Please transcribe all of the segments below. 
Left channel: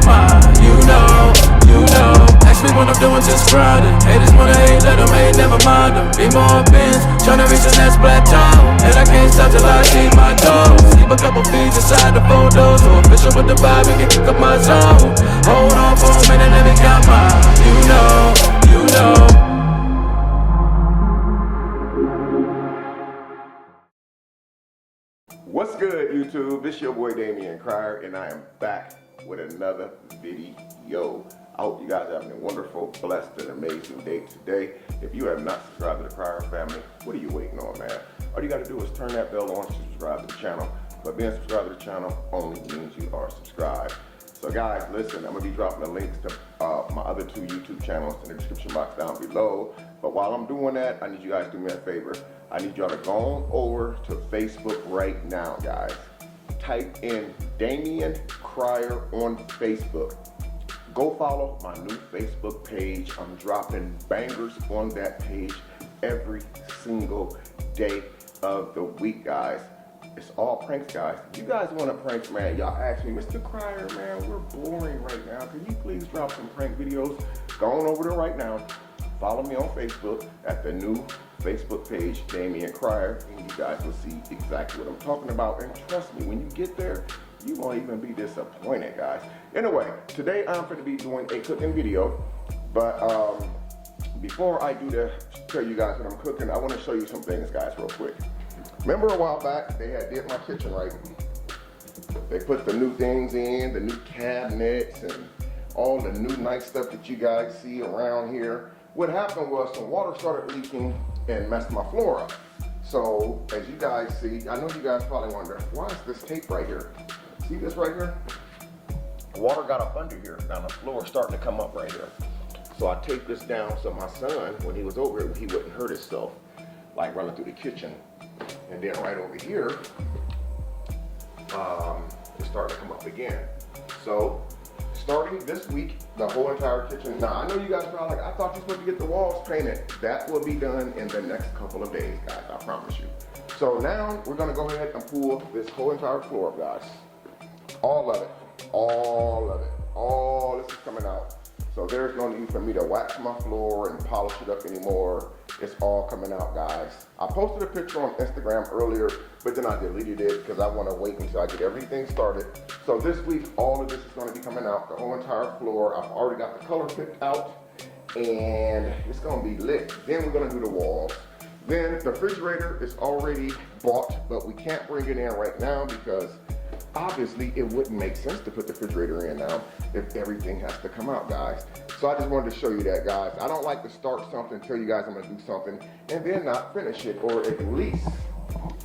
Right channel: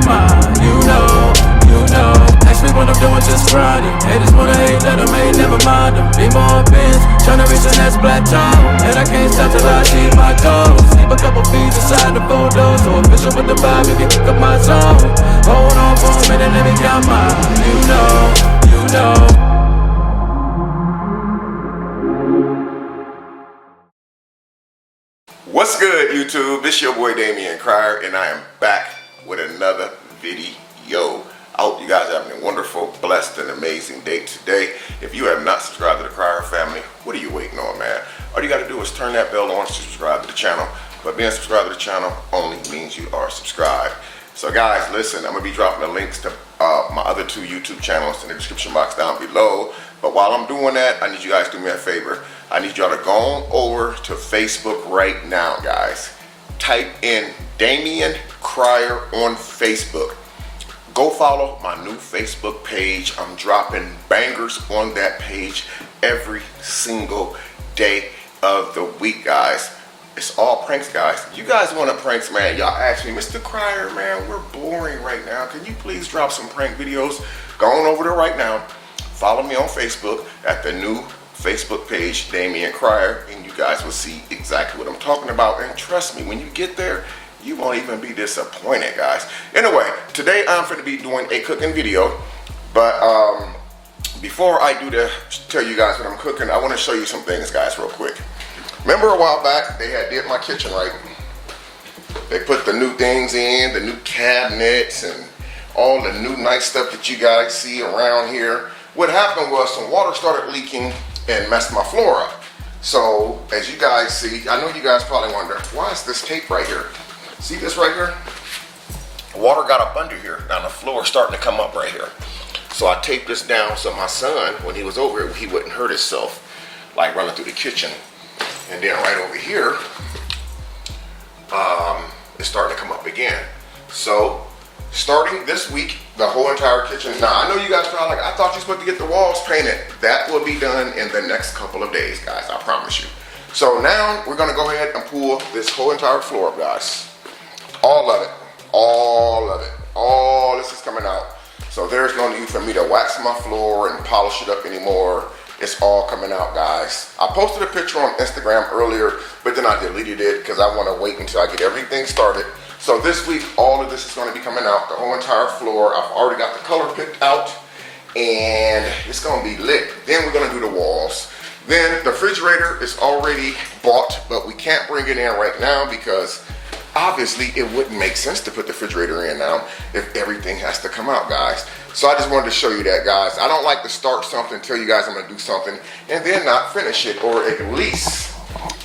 got mine. You know. Ask me what I'm doing, just grinding. Haters wanna hate, let them hate, never mind them. Be more bins, tryna reach the next plateau. And I can't stop till I achieve my goals. Keep a couple fees inside the photos, so official with the vibe, you can pick up my zone. Hold on for a minute, let me count mine. You know. What's good, YouTube? It's your boy Damian Cryer, and I am back with another video. I hope you guys are having a wonderful, blessed, and amazing day today. If you have not subscribed to the Cryer family, what are you waiting on, man? All you got to do is turn that bell on to subscribe to the channel. But being subscribed to the channel only means you are subscribed. So guys, listen, I'm going to be dropping the links to my other two YouTube channels in the description box down below. But while I'm doing that, I need you guys to do me a favor. I need y'all to go on over to Facebook right now, guys. Type in Damian Cryer on Facebook. Go follow my new Facebook page. I'm dropping bangers on that page every single day of the week, guys. It's all pranks, guys. You guys want pranks, man? Y'all ask me, Mr. Cryer, man, we're boring right now. Can you please drop some prank videos? Go on over there right now. Follow me on Facebook at the new Facebook page, Damian Cryer, and you guys will see exactly what I'm talking about. And trust me, when you get there, you won't even be disappointed, guys. Anyway, today I'm going to be doing a cooking video, but before I do tell you guys what I'm cooking, I want to show you some things, guys, real quick. Remember a while back, they had did my kitchen, right? They put the new things in, the new cabinets, and all the new nice stuff that you guys see around here. What happened was some water started leaking and messed my floor up. So, as you guys see, I know you guys probably wonder, why is this tape right here? See this right here? Water got up under here. Now the floor is starting to come up right here. So I taped this down so my son, when he was over here, he wouldn't hurt himself, like running through the kitchen. And then right over here, it's starting to come up again. So, starting this week, the whole entire kitchen. Now, I know you guys are like, I thought you were supposed to get the walls painted. That will be done in the next couple of days, guys, I promise you. So now, we're gonna go ahead and pull this whole entire floor up, guys. All of it, all this is coming out. So there's no need for me to wax my floor and polish it up anymore. It's all coming out, guys. I posted a picture on Instagram earlier, but then I deleted it because I want to wait until I get everything started. So this week, all of this is going to be coming out, the whole entire floor. I've already got the color picked out, and it's going to be lit. Then we're going to do the walls. Then the refrigerator is already bought, but we can't bring it in right now because obviously it wouldn't make sense to put the refrigerator in now if everything has to come out, guys. So I just wanted to show you that, guys. I don't like to start something, tell you guys I'm gonna do something, and then not finish it, or at least,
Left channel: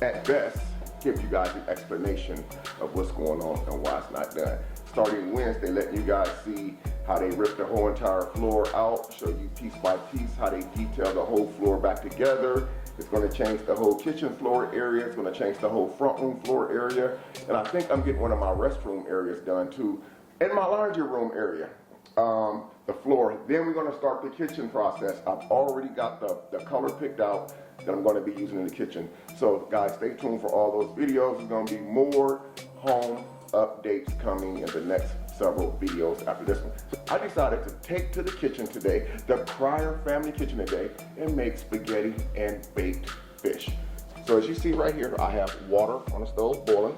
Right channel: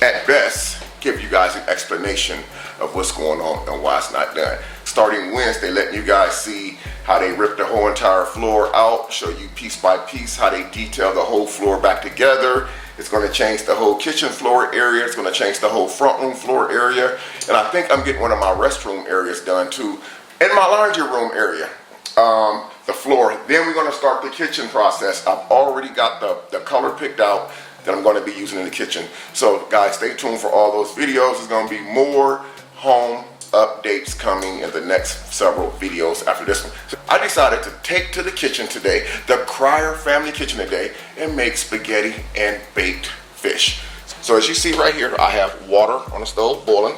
at best, give you guys an explanation of what's going on and why it's not done. Starting Wednesday, letting you guys see how they ripped the whole entire floor out, show you piece by piece how they detail the whole floor back together. It's going to change the whole kitchen floor area. It's going to change the whole front room floor area. And I think I'm getting one of my restroom areas done too. And my laundry room area, the floor. Then we're going to start the kitchen process. I've already got the color picked out that I'm going to be using in the kitchen. So guys, stay tuned for all those videos. There's going to be more home updates coming in the next several videos after this one. So I decided to take to the kitchen today, the Cryer family kitchen today, and make spaghetti and baked fish. So as you see right here, I have water on the stove boiling.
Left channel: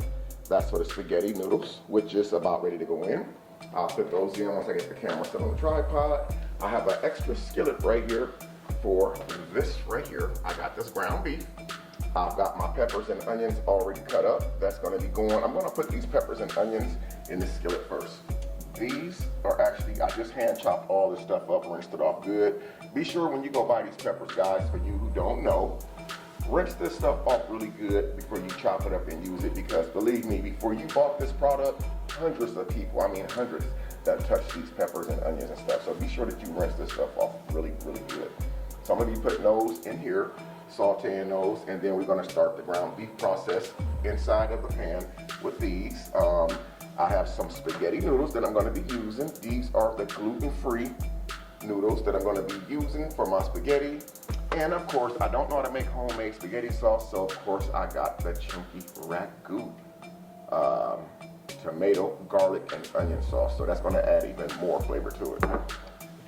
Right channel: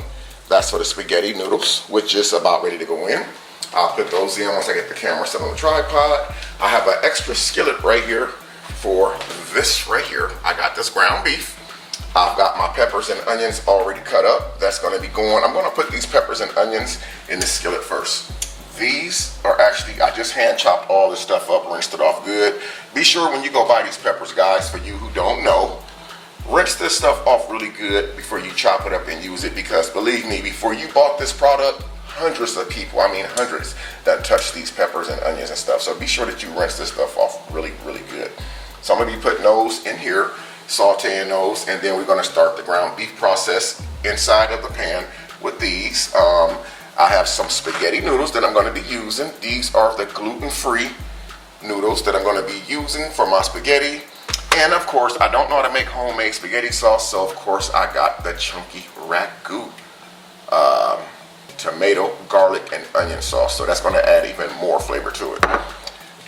That's for the spaghetti noodles, which is about ready to go in. I'll put those in once I get the camera set on the tripod. I have an extra skillet right here for this right here. I got this ground beef. I've got my peppers and onions already cut up. That's gonna be going. I'm gonna put these peppers and onions in the skillet first. These are actually, I just hand chopped all this stuff up, rinsed it off good. Be sure when you go buy these peppers, guys, for you who don't know, rinse this stuff off really good before you chop it up and use it, because believe me, before you bought this product, hundreds of people, I mean hundreds, that touch these peppers and onions and stuff. So be sure that you rinse this stuff off really, really good. So I'm gonna be putting those in here, sauteing those, and then we're going to start the ground beef process inside of the pan with these. I have some spaghetti noodles that I'm going to be using. These are the gluten-free noodles that I'm going to be using for my spaghetti. And of course, I don't know how to make homemade spaghetti sauce, so of course I got the chunky ragu tomato, garlic, and onion sauce. So that's gonna add even more flavor to it.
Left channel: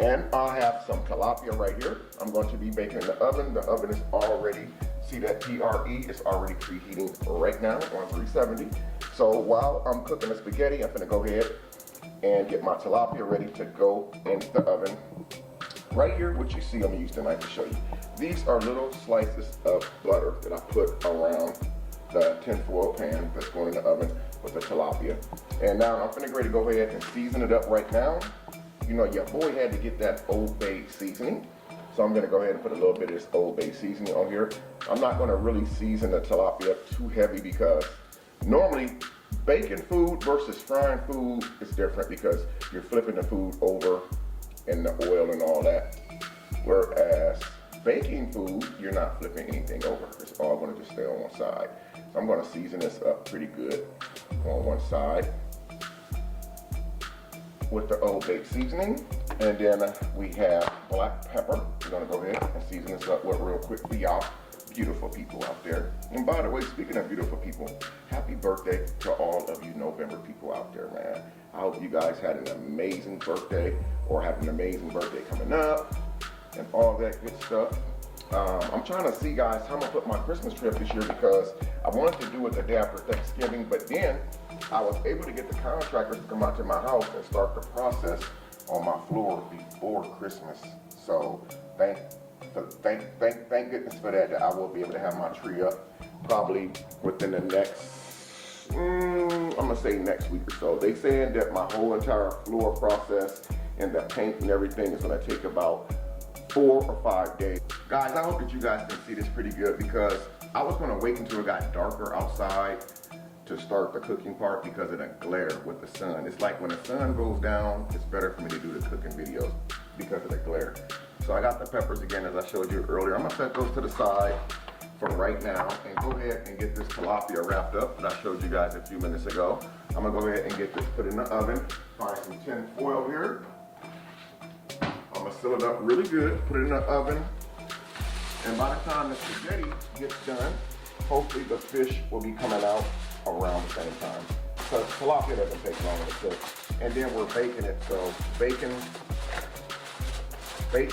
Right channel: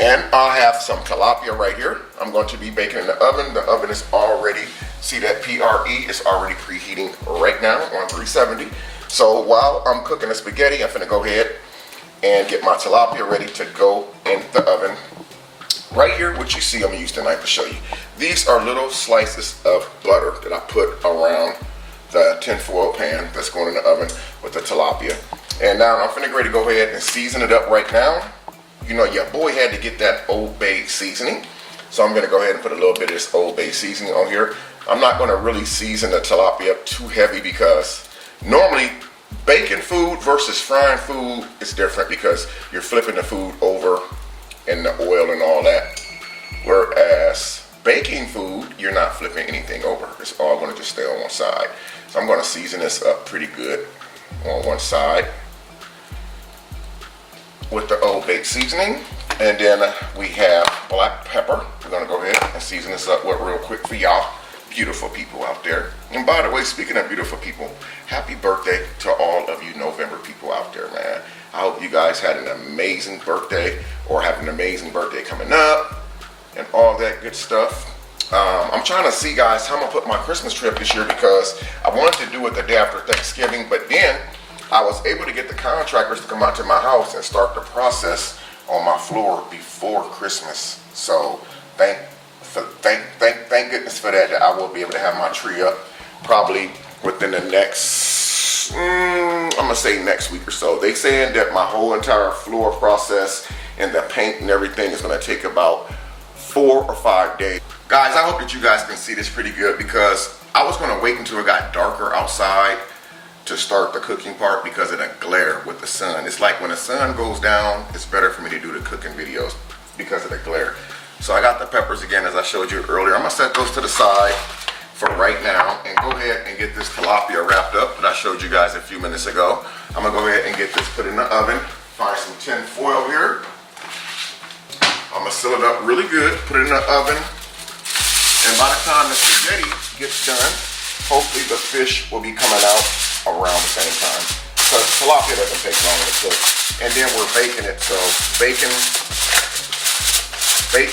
And I have some tilapia right here. I'm going to be baking in the oven. The oven is already, see that PRE is already preheating right now on 370. So while I'm cooking the spaghetti, I'm gonna go ahead and get my tilapia ready to go in the oven. Right here, what you see, I'm gonna use the knife to show you. These are little slices of butter that I put around the tinfoil pan that's going in the oven with the tilapia. And now I'm finna ready to go ahead and season it up right now. You know, your boy had to get that Old Bay seasoning. So I'm gonna go ahead and put a little bit of this Old Bay seasoning on here. I'm not gonna really season the tilapia up too heavy because normally baking food versus frying food is different because you're flipping the food over in the oil and all that. Whereas baking food, you're not flipping anything over. It's all gonna just stay on one side. So I'm gonna season this up pretty good on one side with the Old Bay seasoning. And then we have black pepper. We're gonna go ahead and season this up real quick for y'all beautiful people out there. And by the way, speaking of beautiful people, happy birthday to all of you November people out there, man. I hope you guys had an amazing birthday or have an amazing birthday coming up and all that good stuff. I'm trying to see, guys, how I'm gonna put my Christmas tree up this year because I wanted to do it the day after Thanksgiving, but then I was able to get the contractors to come out to my house and start the process on my floor before Christmas. So thank goodness for that I will be able to have my tree up probably within the next, I'm gonna say next week or so. They saying that my whole entire floor process and the paint and everything is gonna take about 4 or 5 days. Guys, I hope that you guys can see this pretty good because I was gonna wait until it got darker outside to start the cooking part because of the glare with the sun. It's like when the sun goes down, it's better for me to do the cooking videos because of the glare. So I got the peppers again, as I showed you earlier. I'm gonna set those to the side for right now and go ahead and get this tilapia wrapped up that I showed you guys a few minutes ago. I'm gonna go ahead and get this put in the oven. Find some tin foil here. I'm gonna seal it up really good, put it in the oven. And by the time the spaghetti gets done, hopefully the fish will be coming out around the same time. Because tilapia doesn't take long to cook. And then we're baking it, so baking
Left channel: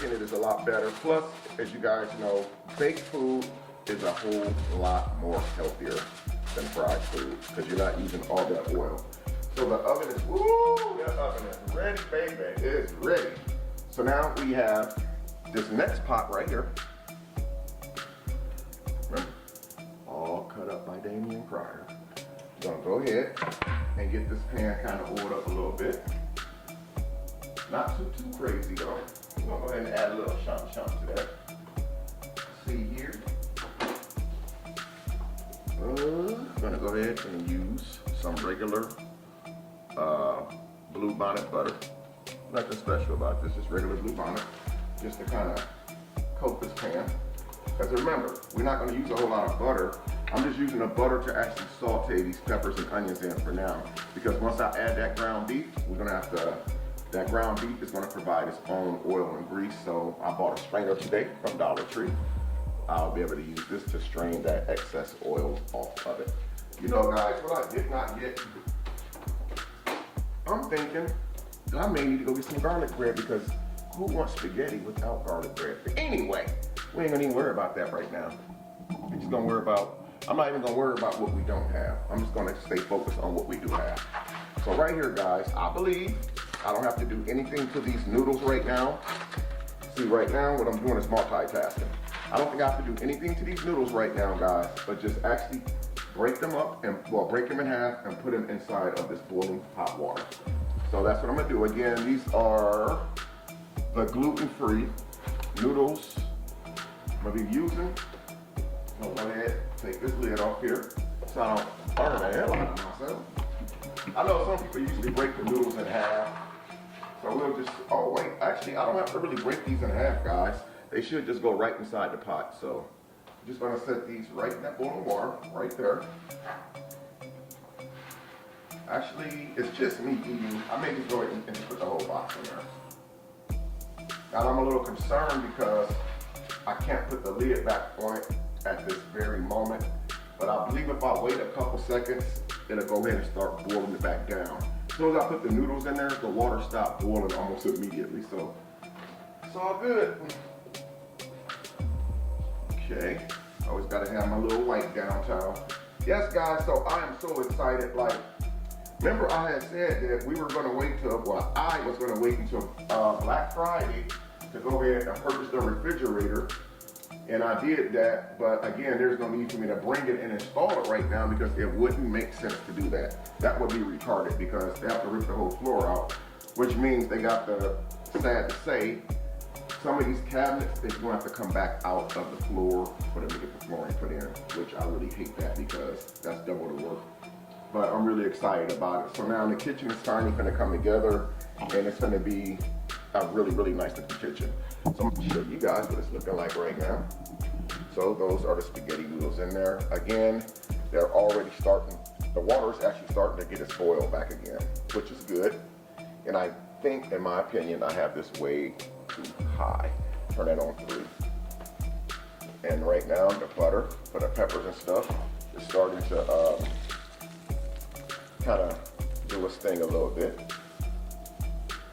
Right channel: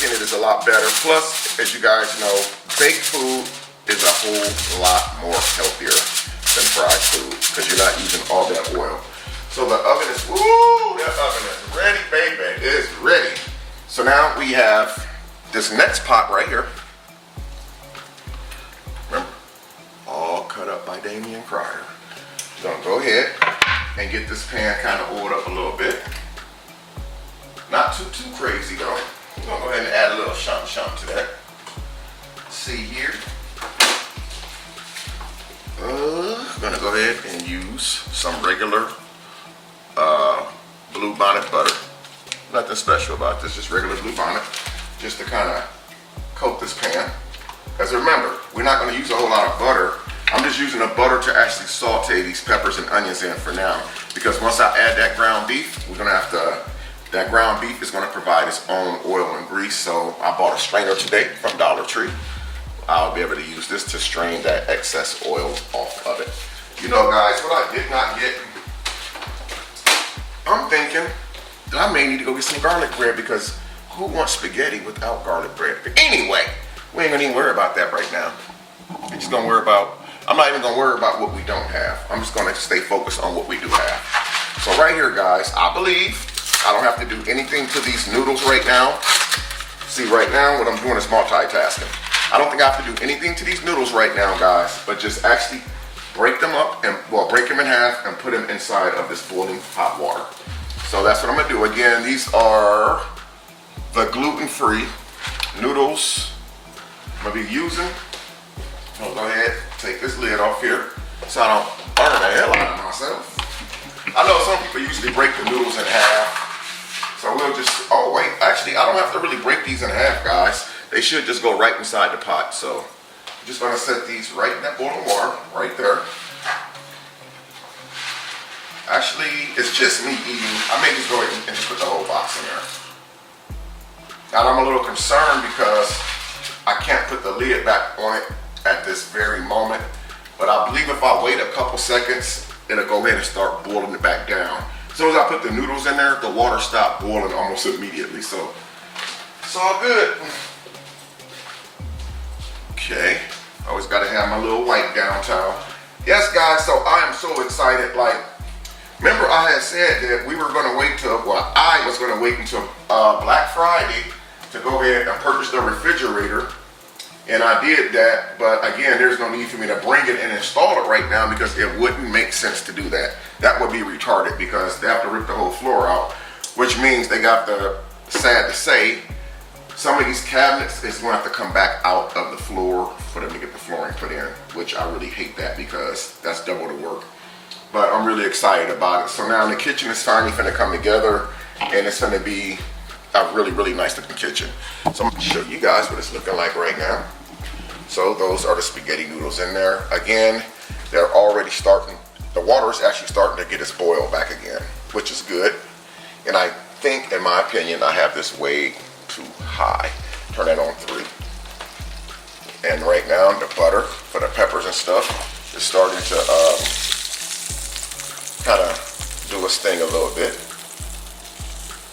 it is a lot better. Plus, as you guys know, baked food is a whole lot more healthier than fried food because you're not using all that oil. So the oven is, woo, that oven is ready, baby. It is ready. So now we have this next pot right here. Remember, all cut up by Damian Cryer. Gonna go ahead and get this pan kind of oiled up a little bit. Not too crazy though. I'm gonna go ahead and add a little shum to that. See here. Gonna go ahead and use some regular Blue Bonnet butter. Nothing special about this, just regular Blue Bonnet. Just to kind of coat this pan. Because remember, we're not gonna use a whole lot of butter. I'm just using the butter to actually saute these peppers and onions in for now. Because once I add that ground beef, we're gonna have to, that ground beef is gonna provide its own oil and grease. So I bought a strainer today from Dollar Tree. I'll be able to use this to strain that excess oil off of it. You know, guys, what I did not get, I'm thinking that I may need to go get some garlic bread because who wants spaghetti without garlic bread? But anyway, we ain't gonna even worry about that right now. We're just gonna worry about, I'm not even gonna worry about what we don't have. I'm just gonna stay focused on what we do have. So right here, guys, I believe I don't have to do anything to these noodles right now. See, right now, what I'm doing is multitasking. I don't think I have to do anything to these noodles right now, guys, but just actually break them up and, well, break them in half and put them inside of this boiling hot water. So that's what I'm gonna do. Again, these are the gluten-free noodles I'm gonna be using. I'll go ahead, take this lid off here so I don't burn the hell out of myself. I know some people usually break the noodles in half. So we'll just, oh wait, actually I don't have to really break these in half, guys. They should just go right inside the pot. So I'm just gonna set these right in that boiling water, right there. Actually, it's just me eating. I may just go ahead and just put the whole box in there. And I'm a little concerned because I can't put the lid back on it at this very moment. But I believe if I wait a couple seconds, it'll go ahead and start boiling it back down. As soon as I put the noodles in there, the water stopped boiling almost immediately. So it's all good. Okay, always gotta have my little wipe down towel. Yes guys, so I am so excited. Like, remember I had said that we were gonna wait till, well, I was gonna wait until Black Friday to go ahead and purchase the refrigerator. And I did that, but again, there's no need for me to bring it and install it right now because it wouldn't make sense to do that. That would be retarded because they have to rip the whole floor out, which means they got the, sad to say, some of these cabinets is going to have to come back out of the floor for them to get the flooring put in, which I really hate that because that's double the work. But I'm really excited about it. So now the kitchen is finally going to come together and it's going to be a really, really nice looking kitchen. So I'm going to show you guys what it's looking like right now. So those are the spaghetti noodles in there. Again, they're already starting, the water is actually starting to get its boil back again, which is good. And I think, in my opinion, I have this way too high. Turn that on 3. And right now, the butter for the peppers and stuff is starting to kind of do its thing a little bit.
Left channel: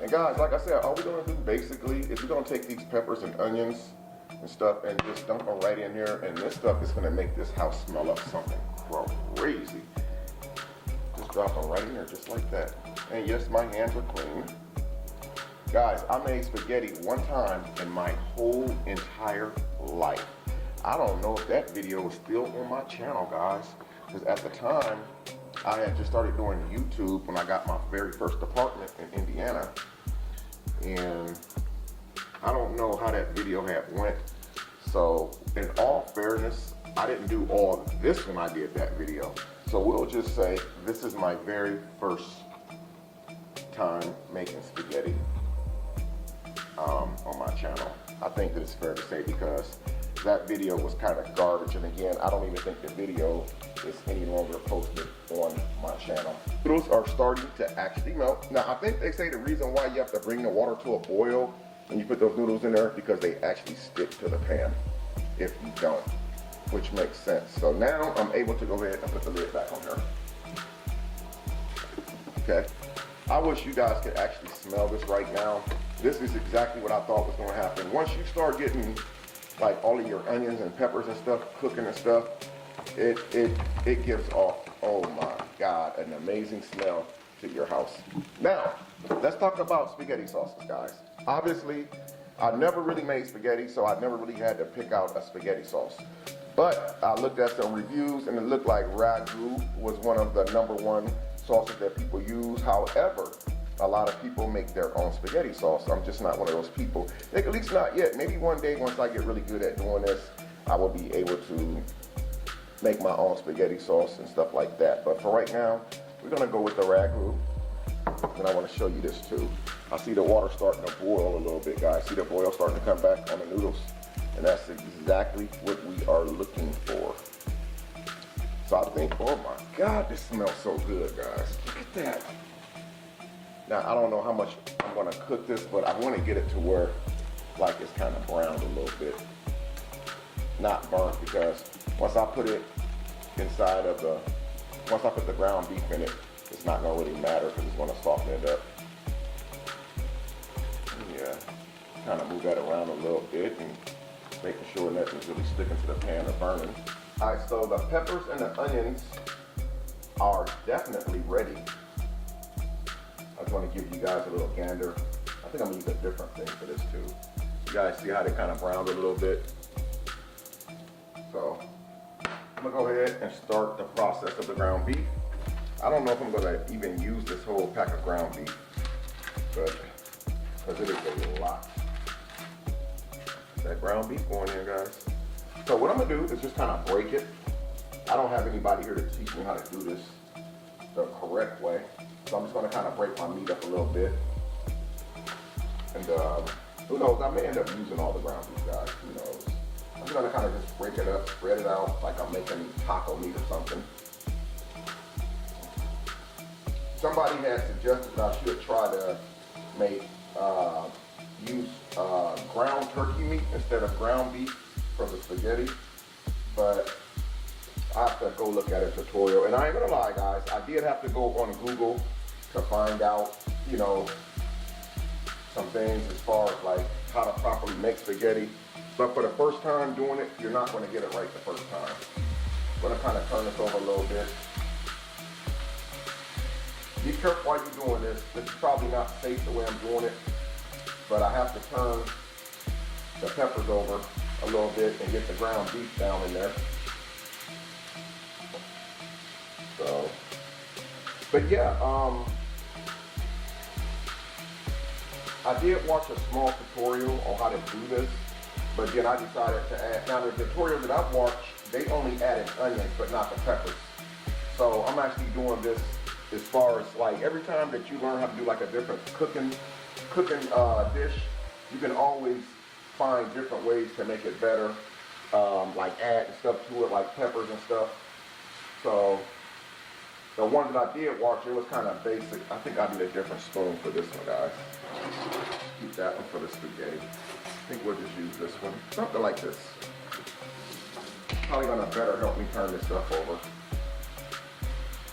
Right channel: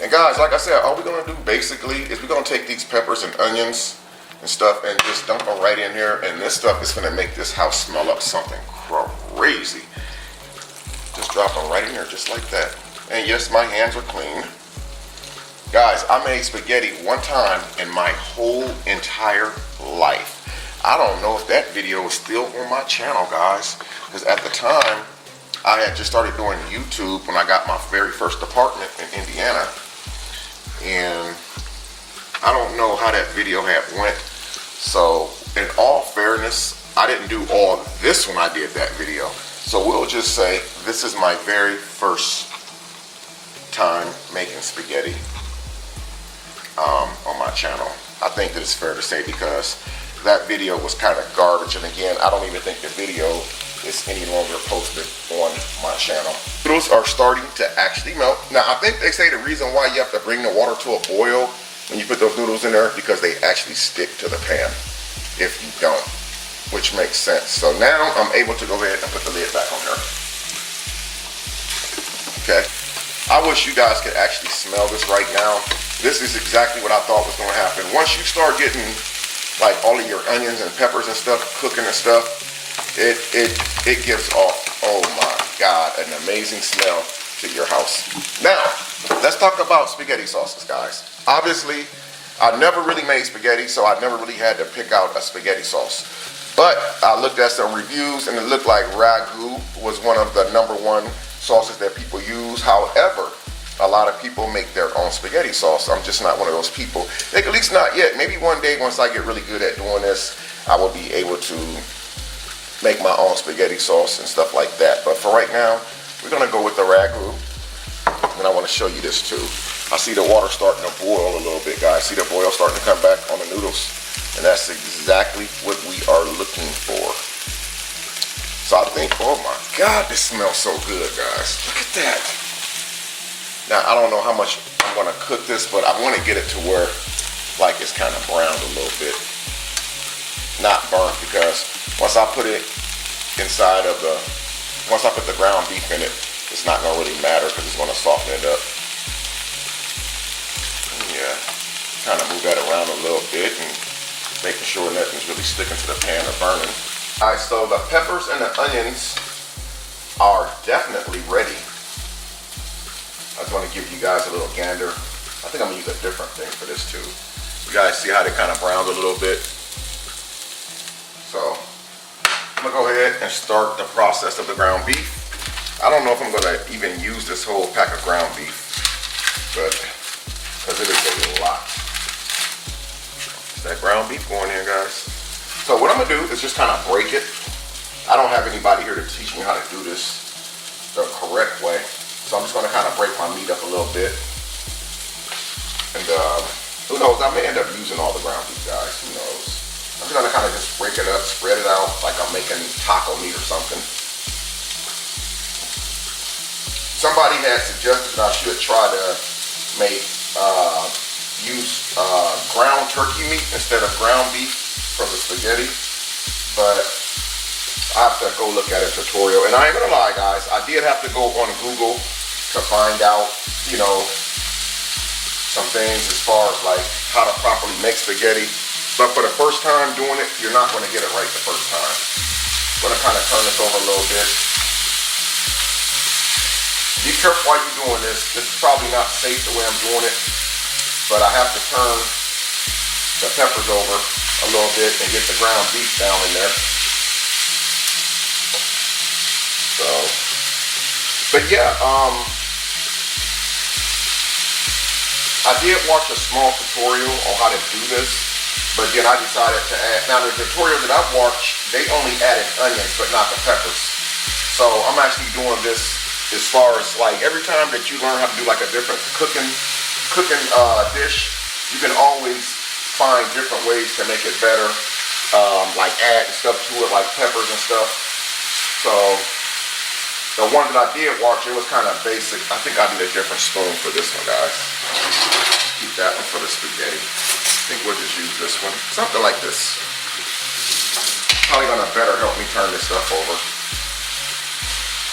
And guys, like I said, all we're gonna do basically is we're gonna take these peppers and onions and stuff and just dump them right in here, and this stuff is gonna make this house smell up something crazy. Just drop them right in here just like that. And yes, my hands are clean. Guys, I made spaghetti one time in my whole entire life. I don't know if that video is still on my channel, guys, because at the time I had just started doing YouTube when I got my very first apartment in Indiana. And I don't know how that video had went. So in all fairness, I didn't do all of this when I did that video. So we'll just say this is my very first time making spaghetti on my channel. I think that it's fair to say because that video was kind of garbage. And again, I don't even think the video is any longer posted on my channel. Noodles are starting to actually melt. Now, I think they say the reason why you have to bring the water to a boil when you put those noodles in there because they actually stick to the pan if you don't, which makes sense. So now I'm able to go ahead and put the lid back on there. Okay. I wish you guys could actually smell this right now. This is exactly what I thought was gonna happen. Once you start getting like all of your onions and peppers and stuff cooking and stuff, it gives off, oh my God, an amazing smell to your house. Now, let's talk about spaghetti sauces, guys. Obviously, I never really made spaghetti, so I never really had to pick out a spaghetti sauce. But I looked at some reviews and it looked like ragu was one of the #1 sauces that people use. However, a lot of people make their own spaghetti sauce. I'm just not one of those people. Like, at least not yet. Maybe one day once I get really good at doing this, I will be able to make my own spaghetti sauce and stuff like that. But for right now, we're gonna go with the ragu. And I wanna show you this too. I see the water starting to boil a little bit, guys. See the boil starting to come back on the noodles. And that's exactly what we are looking for. So I think, oh my God, this smells so good, guys. Look at that. Now, I don't know how much I'm gonna cook this, but I wanna get it to where like it's kind of browned a little bit. Not burnt, because once I put it inside of once I put the ground beef in it, it's not gonna really matter because it's gonna soften it up. Yeah, kind of move that around a little bit and making sure nothing's really sticking to the pan or burning. All right, so the peppers and the onions are definitely ready. I just want to give you guys a little gander. I think I'm gonna use a different thing for this too. You guys see how they kind of browned a little bit? So I'm gonna go ahead and start the process of the ground beef. I don't know if I'm gonna even use this whole pack of ground beef, but because it is a lot. That ground beef going in, guys. So what I'm gonna do is just kind of break it. I don't have anybody here to teach me how to do this the correct way. So I'm just gonna kind of break my meat up a little bit. And who knows, I may end up using all the ground beef, guys, who knows. I'm just gonna kind of just break it up, spread it out like I'm making taco meat or something. Somebody had suggested that I should try to make, use ground turkey meat instead of ground beef for the spaghetti. But I have to go look at a tutorial. And I ain't gonna lie, guys, I did have to go on Google to find out, you know, some things as far as like how to properly make spaghetti. But for the first time doing it, you're not gonna get it right the first time. I'm gonna kind of turn this over a little bit. Be careful while you're doing this. This is probably not safe the way I'm doing it, but I have to turn the peppers over a little bit and get the ground beef down in there. So, but yeah, I did watch a small tutorial on how to do this, but then I decided to add, now the tutorial that I've watched, they only added onions, but not the peppers. So I'm actually doing this as far as like every time that you learn how to do like a different cooking dish, you can always find different ways to make it better, like add stuff to it, like peppers and stuff. So the one that I did watch, it was kind of basic. I think I need a different spoon for this one, guys. Keep that one for the spaghetti. I think we'll just use this one. Something like this. Probably gonna better help me turn this stuff over.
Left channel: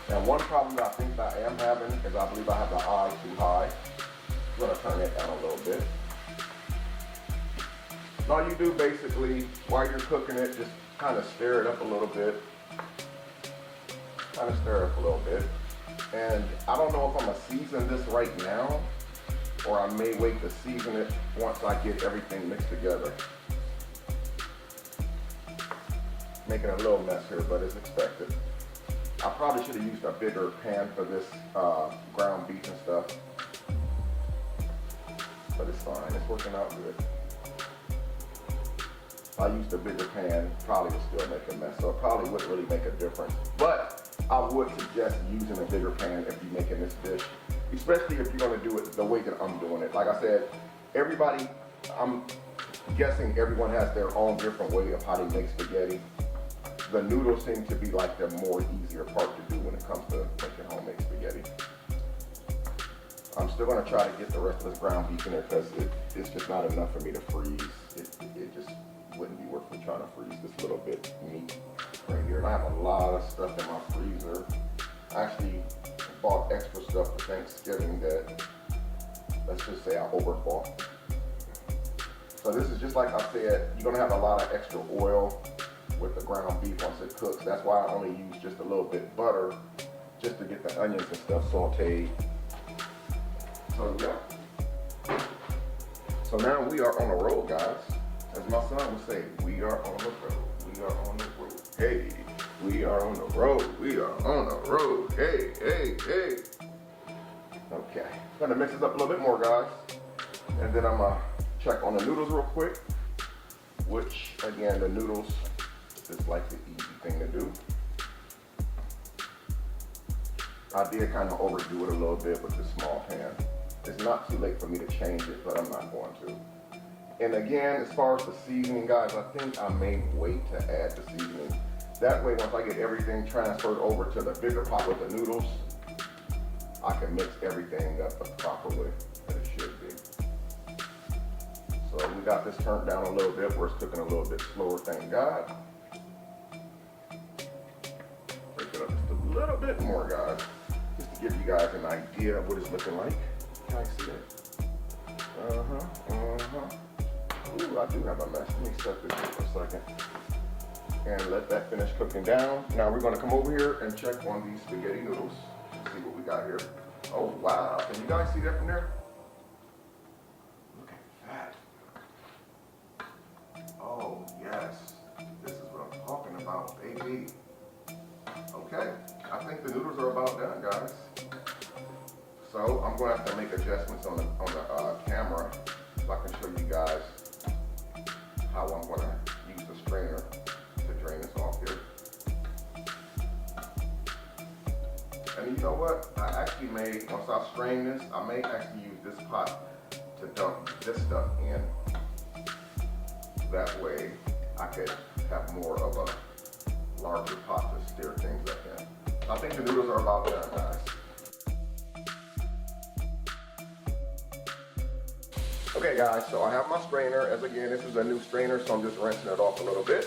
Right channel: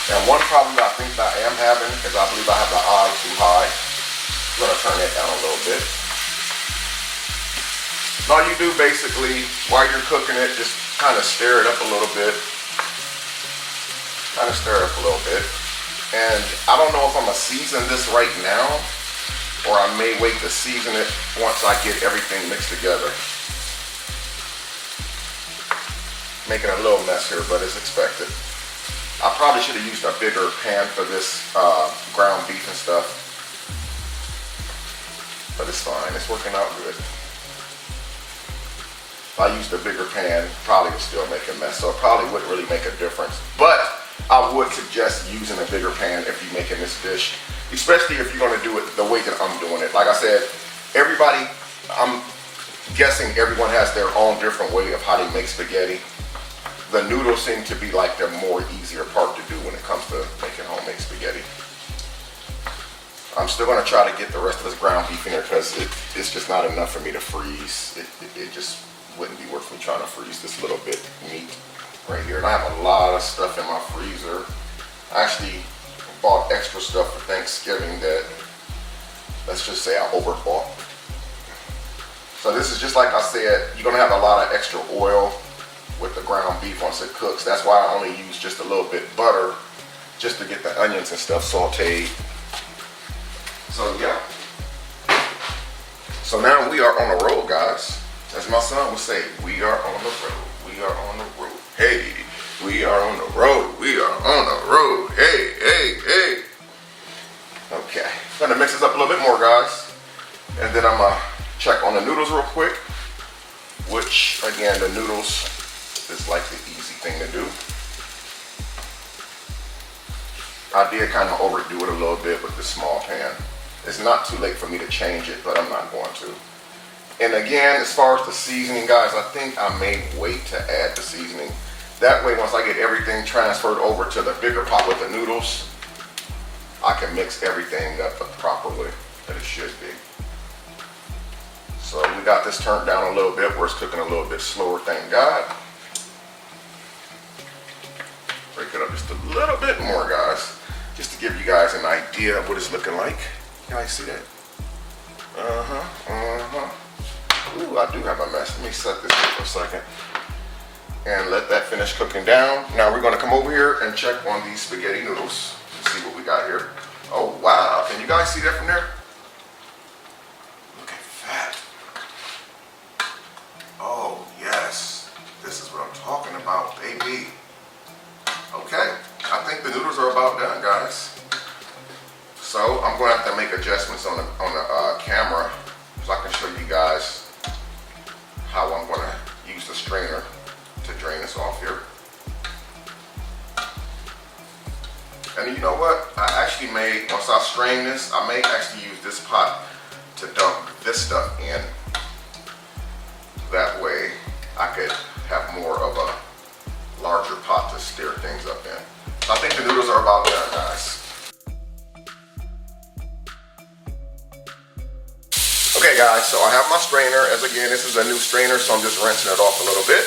And one problem that I think that I am having is I believe I have the eye too high. I'm gonna turn it down a little bit. All you do basically, while you're cooking it, just kind of stir it up a little bit. Kind of stir it up a little bit. And I don't know if I'm gonna season this right now, or I may wait to season it once I get everything mixed together. Making a little mess here, but it's expected. I probably should have used a bigger pan for this ground beef and stuff. But it's fine, it's working out good. If I used a bigger pan, probably would still make a mess, so it probably wouldn't really make a difference. But I would suggest using a bigger pan if you're making this dish, especially if you're gonna do it the way that I'm doing it. Like I said, everybody, I'm guessing everyone has their own different way of how they make spaghetti. The noodles seem to be like the more easier part to do when it comes to making homemade spaghetti. I'm still gonna try to get the rest of this ground beef in there because it's just not enough for me to freeze. It just wouldn't be worth me trying to freeze this little bit meat right here. And I have a lot of stuff in my freezer. I actually bought extra stuff for Thanksgiving that, let's just say I overbought. So this is just like I said, you're gonna have a lot of extra oil with the ground beef once it cooks. That's why I only use just a little bit butter just to get the onions and stuff sauteed. So yeah. So now we are on the road, guys. As my son would say, we are on the road. We are on the road. Hey, we are on the road. We are on the road. Hey, hey, hey. Okay, gonna mix this up a little bit more, guys. And then I'm gonna check on the noodles real quick, which again, the noodles is like the easy thing to do. I did kind of overdo it a little bit with this small pan. It's not too late for me to change it, but I'm not going to. And again, as far as the seasoning, guys, I think I may wait to add the seasoning. That way, once I get everything transferred over to the bigger pot with the noodles, I can mix everything up the proper way that it should be. So we got this turned down a little bit where it's cooking a little bit slower, thank God. Break it up just a little bit more, guys, just to give you guys an idea of what it's looking like. You guys see that? Ooh, I do have a mess. Let me set this here for a second and let that finish cooking down. Now we're gonna come over here and check on these spaghetti noodles. See what we got here. Oh wow, can you guys see that from there? Look at that. Oh yes, this is what I'm talking about, baby. Okay, I think the noodles are about done, guys. So I'm going to have to make adjustments on the camera so I can show you guys how I'm going to use the strainer to drain this off here. And you know what? I actually may, once I strain this, I may actually use this pot to dump this stuff in. That way I could have more of a larger pot to stir things up in. So I think the noodles are about done, guys. Okay guys, so I have my strainer. As again, this is a new strainer, so I'm just rinsing it off a little bit.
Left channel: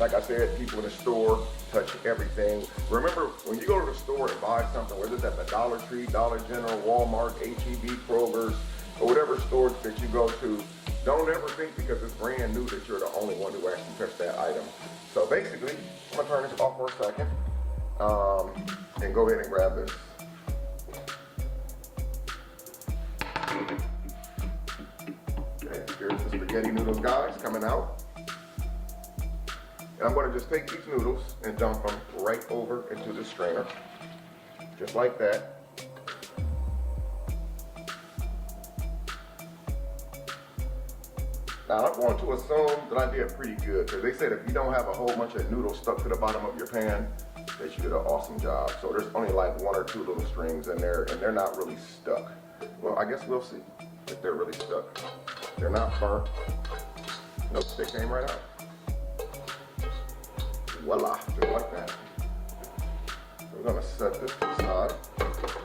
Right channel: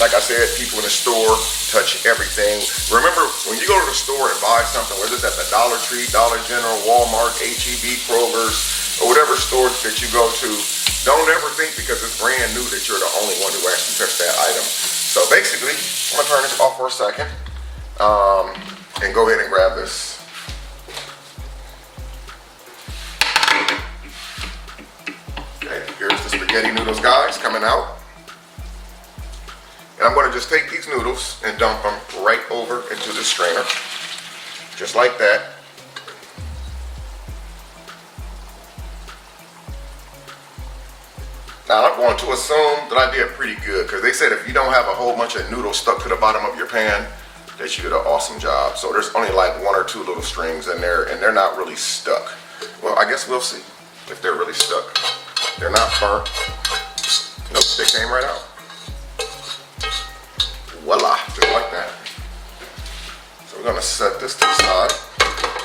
Like I said, people in the store touch everything. Remember, when you go to the store and buy something, whether it's at the Dollar Tree, Dollar General, Walmart, HEB, Kroger's, or whatever store that you go to, don't ever think because it's brand new that you're the only one who actually touched that item. So basically, I'm gonna turn this off for a second and go ahead and grab this. Okay, here's the spaghetti noodles, guys, coming out. And I'm going to just take these noodles and dump them right over into the strainer, just like that. Now I'm going to assume that I did pretty good, because they said if you don't have a whole bunch of noodles stuck to the bottom of your pan, that you did an awesome job. So there's only like 1 or 2 little strings in there, and they're not really stuck. Well, I guess we'll see if they're really stuck. They're not burnt. Nope, they came right out. Voila, just like that. So we're gonna set this to the side.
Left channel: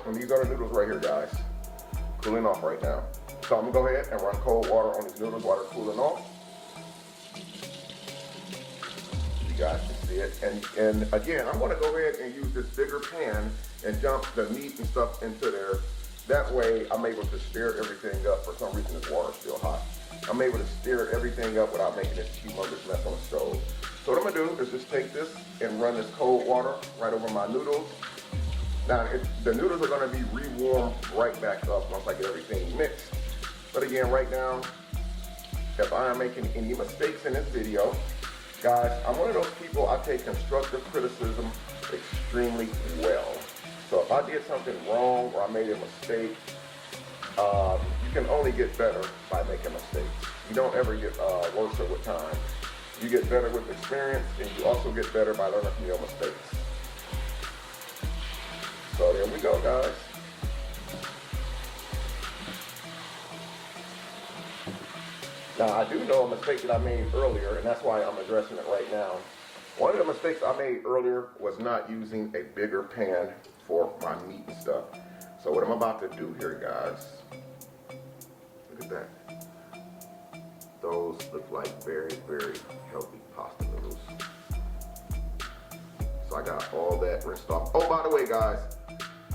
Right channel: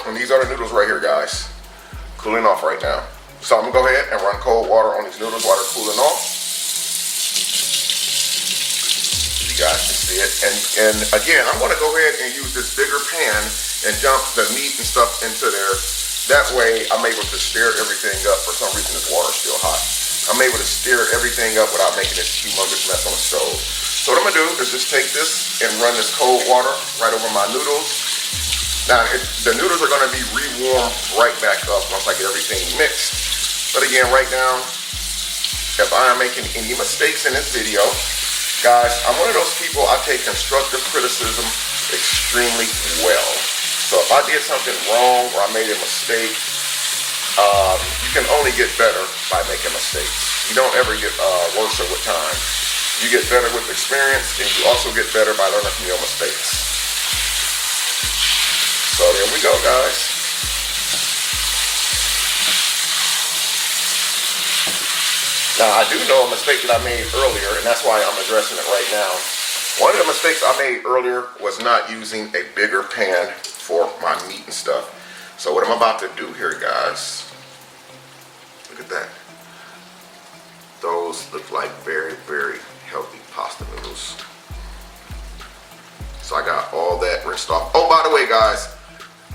And these are the noodles right here, guys. Cooling off right now. So I'm gonna go ahead and run cold water on these noodles while they're cooling off. You guys can see it. And again, I'm gonna go ahead and use this bigger pan and dump the meat and stuff into there. That way I'm able to stir everything up. For some reason this water's still hot. I'm able to stir everything up without making this humongous mess on the stove. So what I'm gonna do is just take this and run this cold water right over my noodles. Now, the noodles are gonna be re-warmed right back up once I get everything mixed. But again, right now, if I am making any mistakes in this video, guys, I'm one of those people, I take constructive criticism extremely well. So if I did something wrong or I made a mistake, you can only get better by making mistakes. You don't ever get worse with time. You get better with experience, and you also get better by learning from your mistakes. So there we go, guys. Now, I do know a mistake that I made earlier, and that's why I'm addressing it right now. One of the mistakes I made earlier was not using a bigger pan for my meat and stuff. So what I'm about to do here, guys, look at that. Those look like very, very healthy pasta noodles. So I got all that rinsed off. Oh, by the way, guys,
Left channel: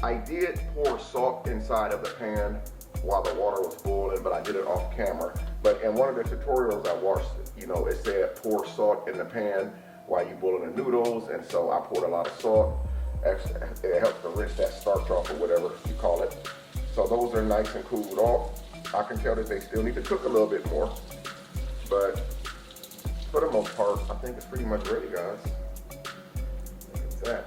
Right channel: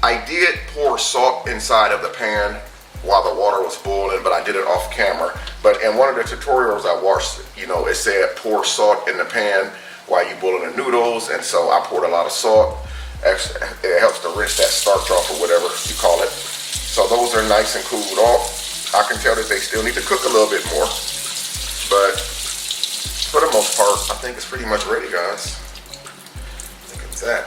I did pour salt inside of the pan while the water was boiling, but I did it off camera. But in one of the tutorials I watched, you know, it said pour salt in the pan while you boiling the noodles, and so I poured a lot of salt. Actually, it helps to rinse that starch off or whatever you call it. So those are nice and cooled off. I can tell that they still need to cook a little bit more, but for the most part, I think it's pretty much ready, guys. Look at that.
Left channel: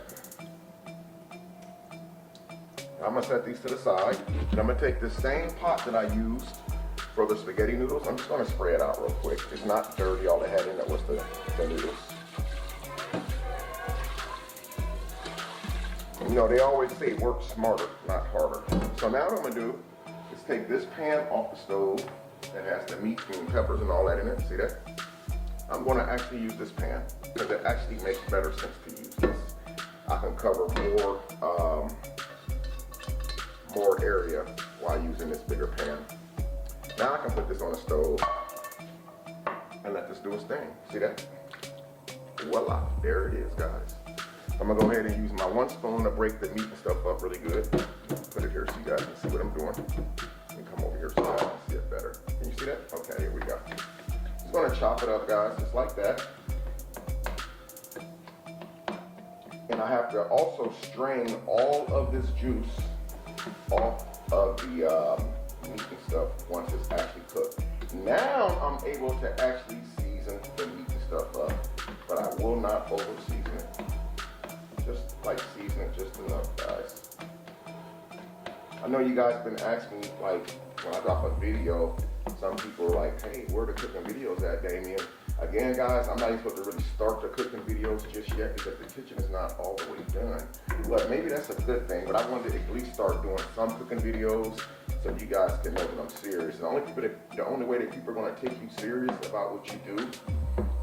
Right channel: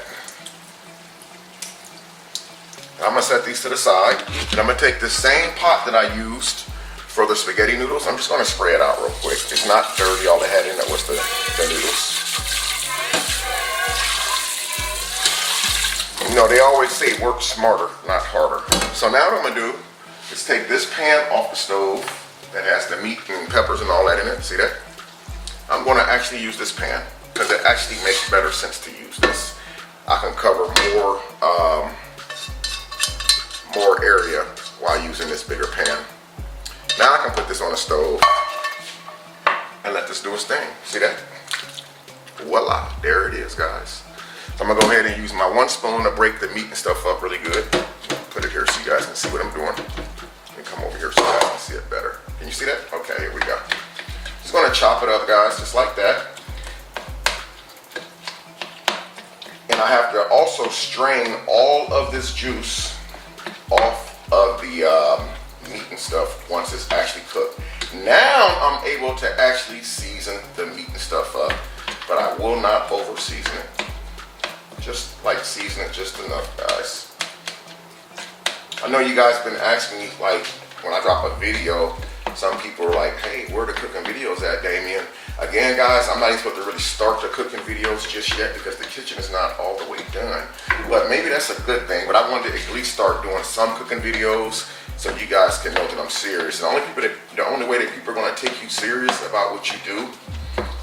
I'm gonna set these to the side, and I'm gonna take the same pot that I used for the spaghetti noodles. I'm just gonna spray it out real quick. It's not dirty. All they had in it was the noodles. You know, they always say work smarter, not harder. So now what I'm gonna do is take this pan off the stove that has the meat and peppers and all that in it. See that? I'm gonna actually use this pan because it actually makes better sense to use this. I can cover more area while using this bigger pan. Now I can put this on the stove and let this do its thing. See that? Voila, there it is, guys. So I'm gonna go ahead and use my 1 spoon to break the meat and stuff up really good. Put it here so you guys can see what I'm doing. Let me come over here so you guys can see it better. Can you see that? Okay, here we go. Just gonna chop it up, guys, just like that. And I have to also strain all of this juice off of the meat and stuff once it's actually cooked. Now I'm able to actually season the meat and stuff up, but I will not over season it. Just like season it just enough, guys. I know you guys been asking me, like, when I drop a video, some people are like, hey, where the cooking videos at, Damien? Again, guys, I'm not even supposed to really start the cooking videos just yet because the kitchen is not all the way done. But maybe that's a good thing, but I wanted to at least start doing some cooking videos so you guys can know that I'm serious. And the only way that people are gonna take you serious about what you do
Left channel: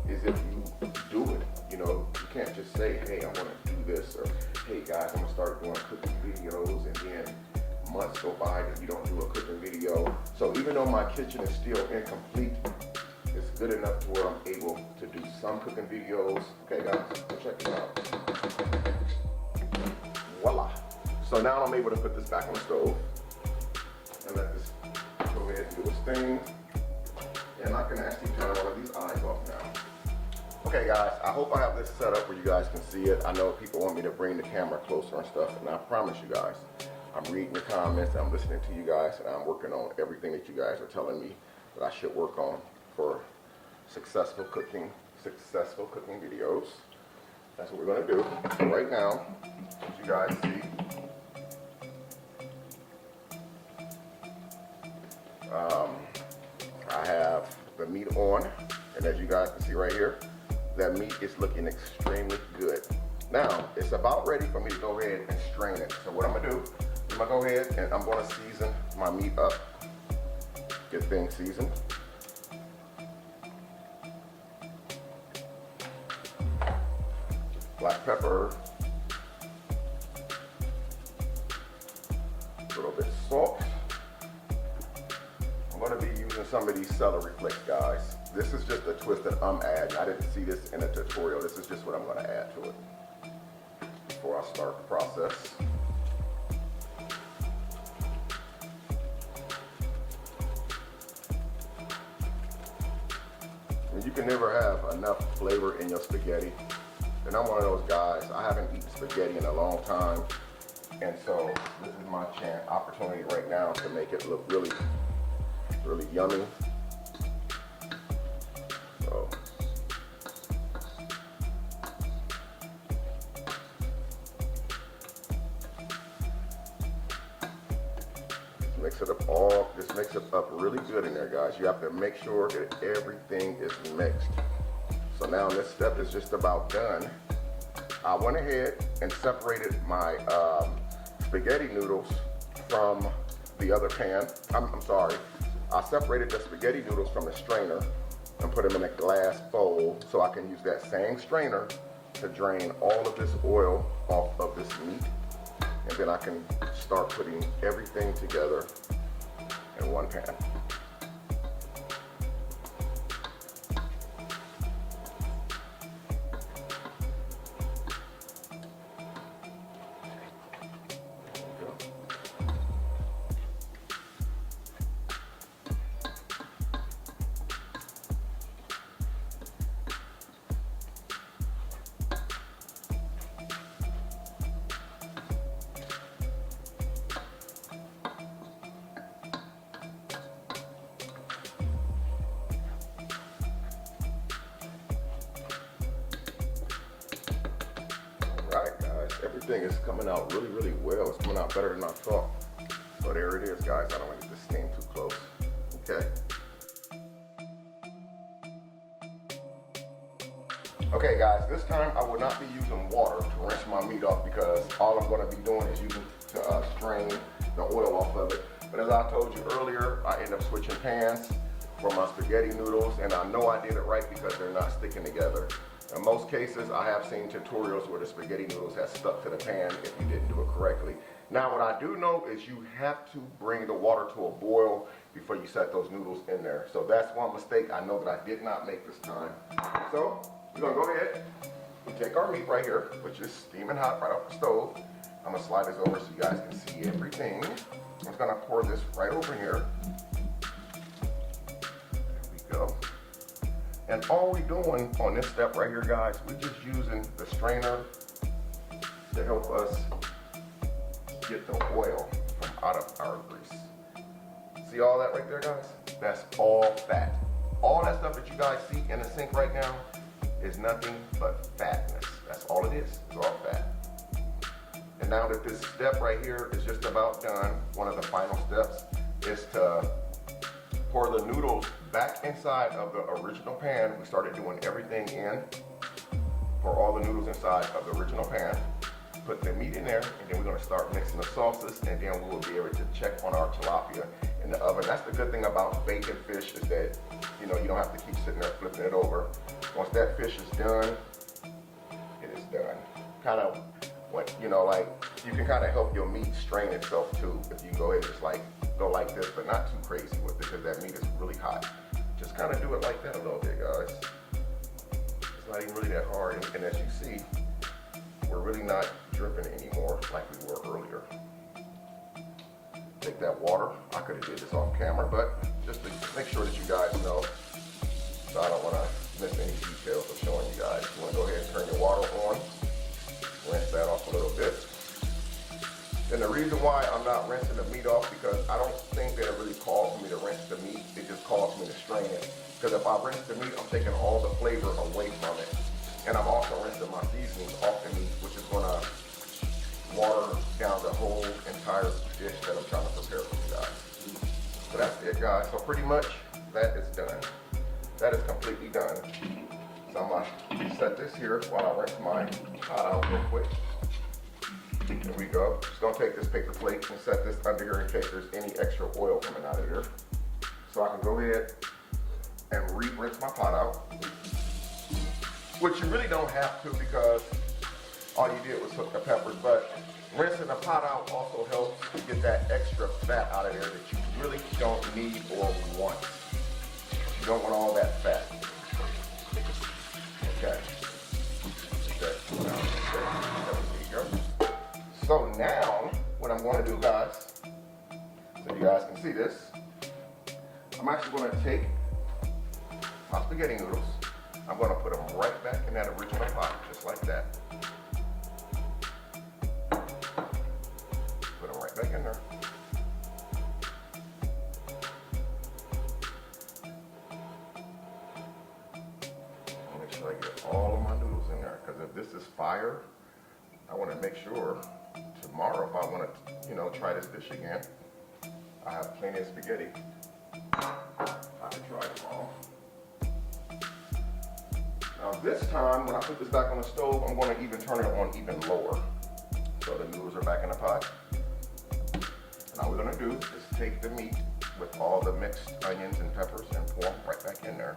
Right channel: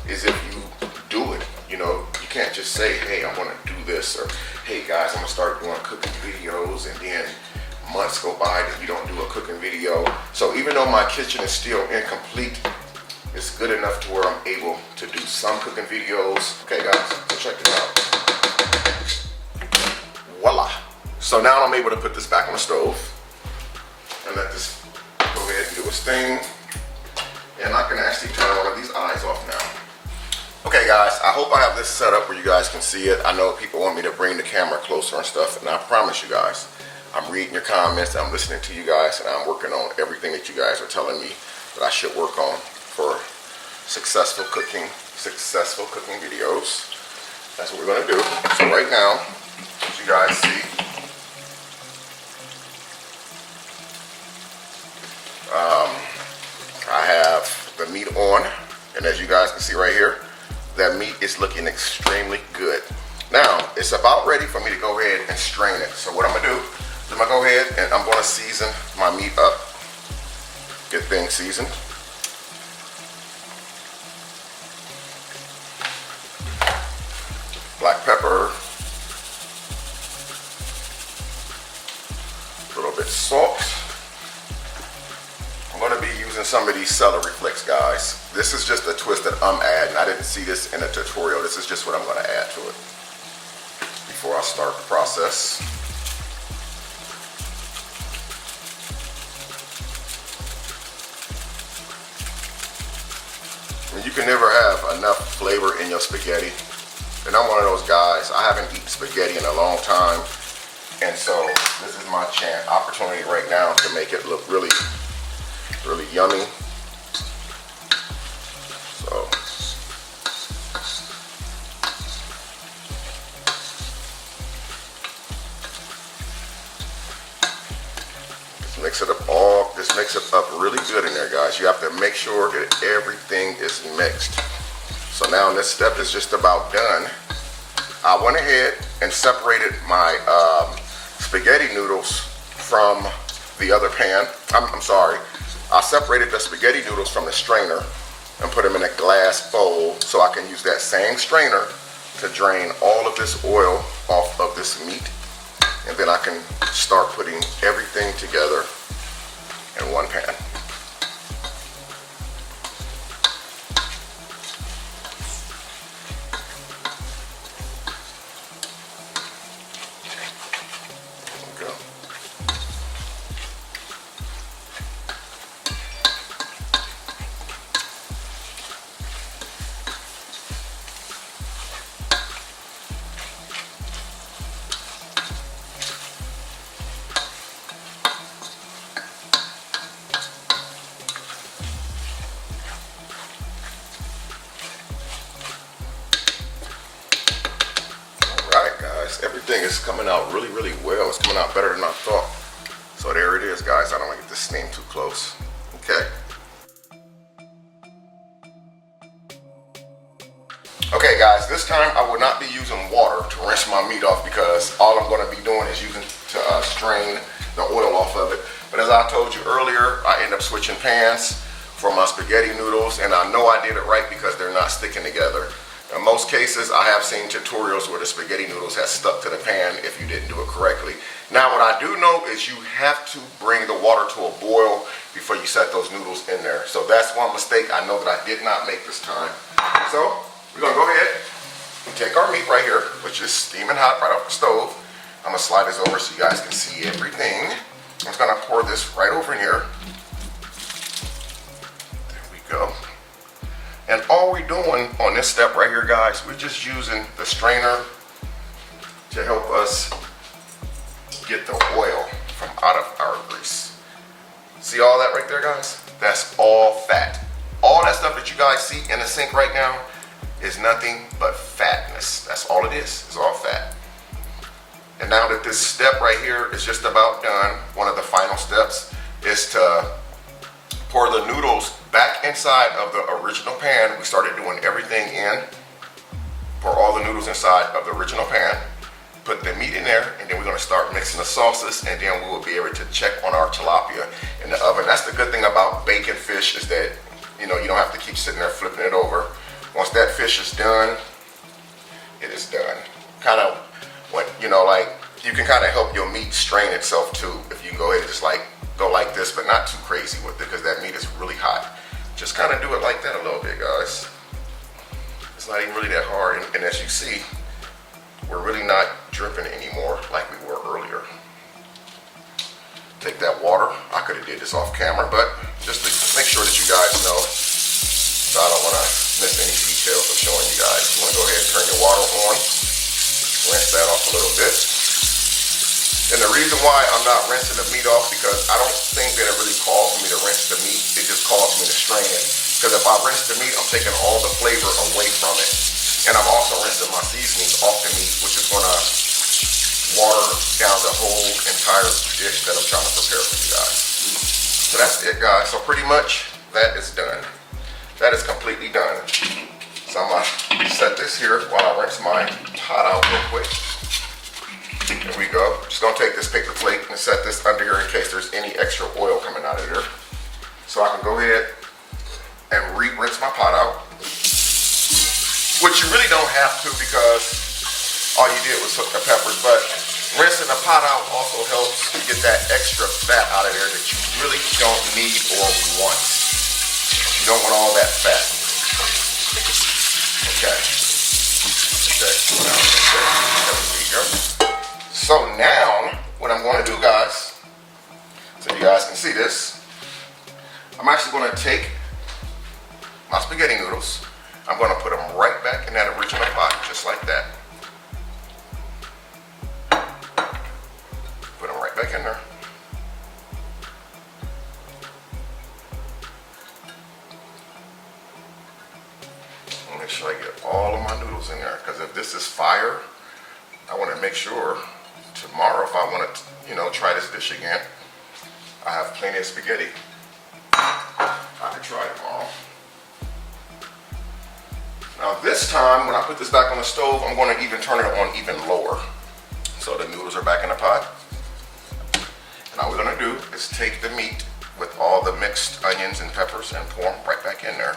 is if you do it. You know, you can't just say, hey, I wanna do this, or hey guys, I'm gonna start doing cooking videos, and then months go by that you don't do a cooking video. So even though my kitchen is still incomplete, it's good enough to where I'm able to do some cooking videos. Okay guys, so check it out. Voila. So now I'm able to put this back on the stove and let this go ahead and do its thing. And I can actually turn one of these eyes off now. Okay guys, I hope I have this set up where you guys can see it. I know people want me to bring the camera closer and stuff, and I promise you guys, I'm reading your comments, I'm listening to you guys, and I'm working on everything that you guys are telling me that I should work on for successful cooking videos. That's what we're gonna do. So right now, as you guys see, I have the meat on, and as you guys can see right here, that meat is looking extremely good. Now, it's about ready for me to go ahead and strain it. So what I'm gonna do is I'm gonna go ahead and I'm gonna season my meat up, get things seasoned. Black pepper, a little bit of salt. I'm going to be using some of these celery flakes, guys. This is just a twist that I'm adding. I didn't see this in a tutorial. This is just what I'm going to add to it before I start the process. And you can never have enough flavor in your spaghetti. And I'm one of those guys, I haven't eaten spaghetti in a long time. And so this is my opportunity right now to make it look really, really yummy. So just mix it up really good in there, guys. You have to make sure that everything is mixed. So now this step is just about done. I went ahead and separated my spaghetti noodles from the other pan. I'm sorry. I separated the spaghetti noodles from the strainer and put them in a glass bowl so I can use that same strainer to drain all of this oil off of this meat. And then I can start putting everything together in one pan. Everything is coming out really, really well. It's coming out better than I thought. So there it is, guys. I don't want to get this steam too close. Okay. Okay, guys, this time I will not be using water to rinse my meat off because all I'm going to be doing is using to strain the oil off of it. But as I told you earlier, I end up switching pans for my spaghetti noodles, and I know I did it right because they're not sticking together. In most cases, I have seen tutorials where the spaghetti noodles have stuck to the pan if you didn't do it correctly. Now, what I do know is you have to bring the water to a boil before you set those noodles in there. So that's one mistake I know that I did not make this time. So we're gonna go ahead and take our meat right here, which is steaming hot right off the stove. I'm gonna slide this over so you guys can see everything. I'm just gonna pour this right over in here. There we go. And all we're doing on this step right here, guys, we're just using the strainer to help us get the oil from out of our grease. See all that right there, guys? That's all fat. All that stuff that you guys see in the sink right now is nothing but fatness. That's all it is. It's all fat. And now that this step right here is just about done, one of the final steps is to pour the noodles back inside of the original pan. We started doing everything in. Pour all the noodles inside of the original pan. Put the meat in there, and then we're gonna start mixing the sauces, and then we will be able to check on our tilapia in the oven. That's the good thing about baking fish is that, you know, you don't have to keep sitting there flipping it over. Once that fish is done, it is done. Kind of, you know, like, you can kind of help your meat strain itself too if you go ahead and just like go like this, but not too crazy with it because that meat is really hot. Just kind of do it like that a little bit, guys. not even really that hard. And as you see, we're really not dripping anymore like we were earlier. Take that water. I could have did this off camera, but just to make sure that you guys know, so I don't want to miss any details of showing you guys. You want to go ahead and turn your water on, rinse that off a little bit. And the reason why I'm not rinsing the meat off, because I don't think that it really calls me to rinse the meat. It just calls me to strain it. Because if I rinse the meat, I'm taking all the flavor away from it. And I'm also rinsing my seasonings off the meat, which is going to water down the whole entire dish that I'm trying to prepare for you guys. So that's it, guys. So pretty much that is done. That is completely done. So I'm going to set this here while I rinse my pot out real quick. There we go. Just gonna take this paper plate and set this under here in case there's any extra oil coming out of there. So I can go ahead and rinse my pot out. Which you really don't have to, because all you did was cook the peppers, but rinsing the pot out also helps to get that extra fat out of there that you really don't need or want. You don't want all that fat. Okay. There we go. So now, what I'm going to do, guys, so you guys can see this, I'm actually going to take my spaghetti noodles, I'm going to put them right back in that original pot, just like that. Put them right back in there. Make sure I get all of my noodles in there, because if this is fire, I want to make sure tomorrow, if I want to, try this dish again, I have plenty of spaghetti. I can try tomorrow. Now this time, when I put this back on the stove, I'm going to even turn it on even lower. So the noodles are back in the pot. Now what we're going to do is take the meat with all the mixed onions and peppers and pour them right back in there.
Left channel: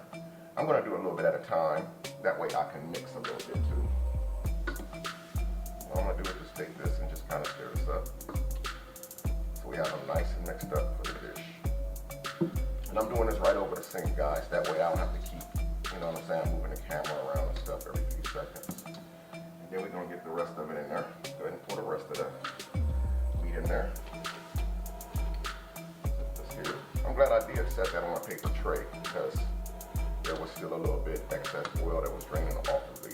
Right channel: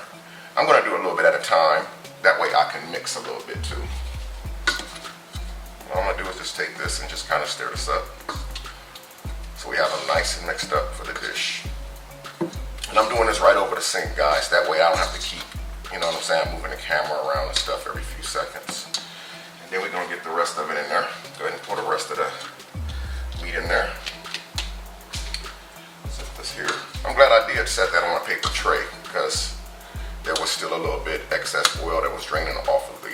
I'm going to do a little bit at a time. That way I can mix a little bit too. What I'm going to do is just take this and just kind of stir this up, so we have them nice and mixed up for the dish. And I'm doing this right over the sink, guys. That way I don't have to keep, moving the camera around and stuff every few seconds. And then we're going to get the rest of it in there. Go ahead and pour the rest of the meat in there. Set this here. I'm glad I did set that on a paper tray, because there was still a little bit excess oil that was draining off of the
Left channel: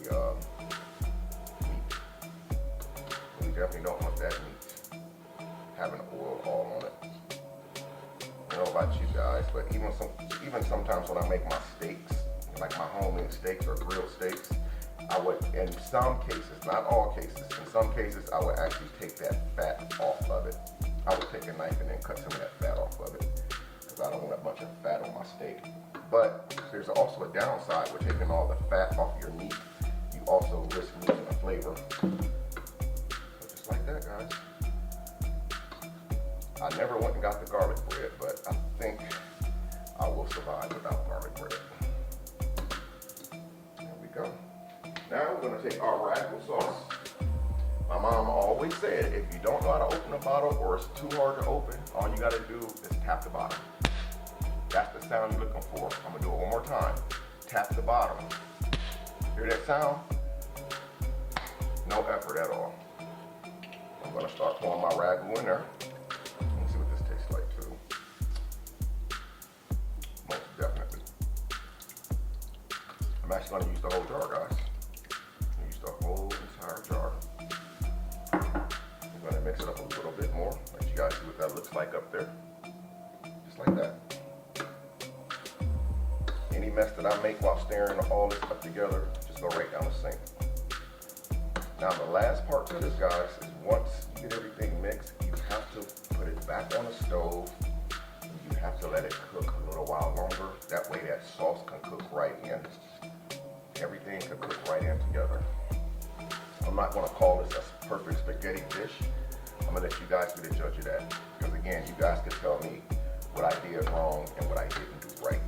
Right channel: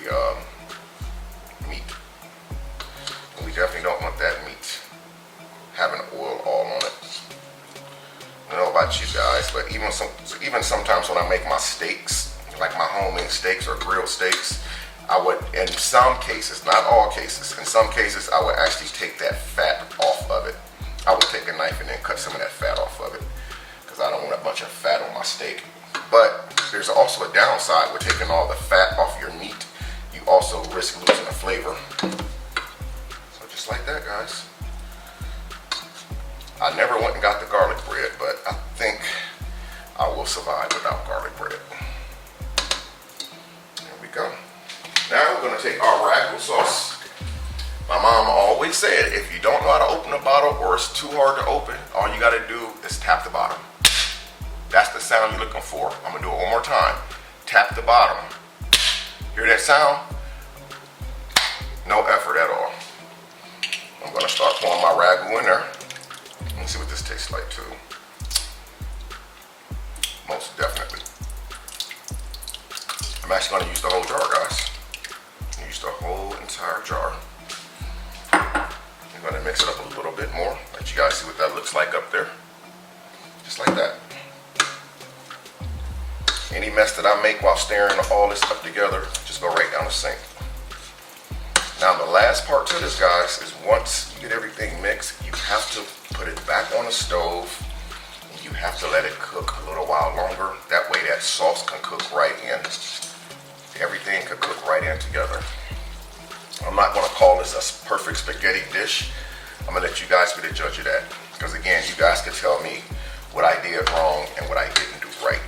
meat. And we definitely don't want that meat having oil all on it. I don't know about you guys, but even sometimes when I make my steaks, like my homemade steaks or grilled steaks, I would, in some cases, not all cases, in some cases I would actually take that fat off of it. I would take a knife and then cut some of that fat off of it, because I don't want a bunch of fat on my steak. But there's also a downside with taking all the fat off your meat. You also risk losing the flavor. So just like that, guys. I never went and got the garlic bread, but I think I will survive without garlic bread. There we go. Now we're going to take our ragu sauce. My mom always said, if you don't know how to open a bottle or it's too hard to open, all you got to do is tap the bottom. That's the sound you're looking for. I'm going to do it one more time. Tap the bottom. Hear that sound? No effort at all. I'm going to start pouring my ragu in there. Let's see what this tastes like too. Most definitely. I'm actually going to use the whole jar, guys. Use the whole entire jar. I'm going to mix it up a little bit more. Let you guys see what that looks like up there. Just like that. Any mess that I make while stirring all this up together, just go right down the sink. Now the last part to this, guys, is once you get everything mixed, you have to put it back on the stove. You have to let it cook a little while longer. That way that sauce can cook right in. Everything can cook right in together. I'm not going to call this a perfect spaghetti dish. I'm going to let you guys be the judge of that. Because again, you guys can tell me what I did wrong and what I didn't do right.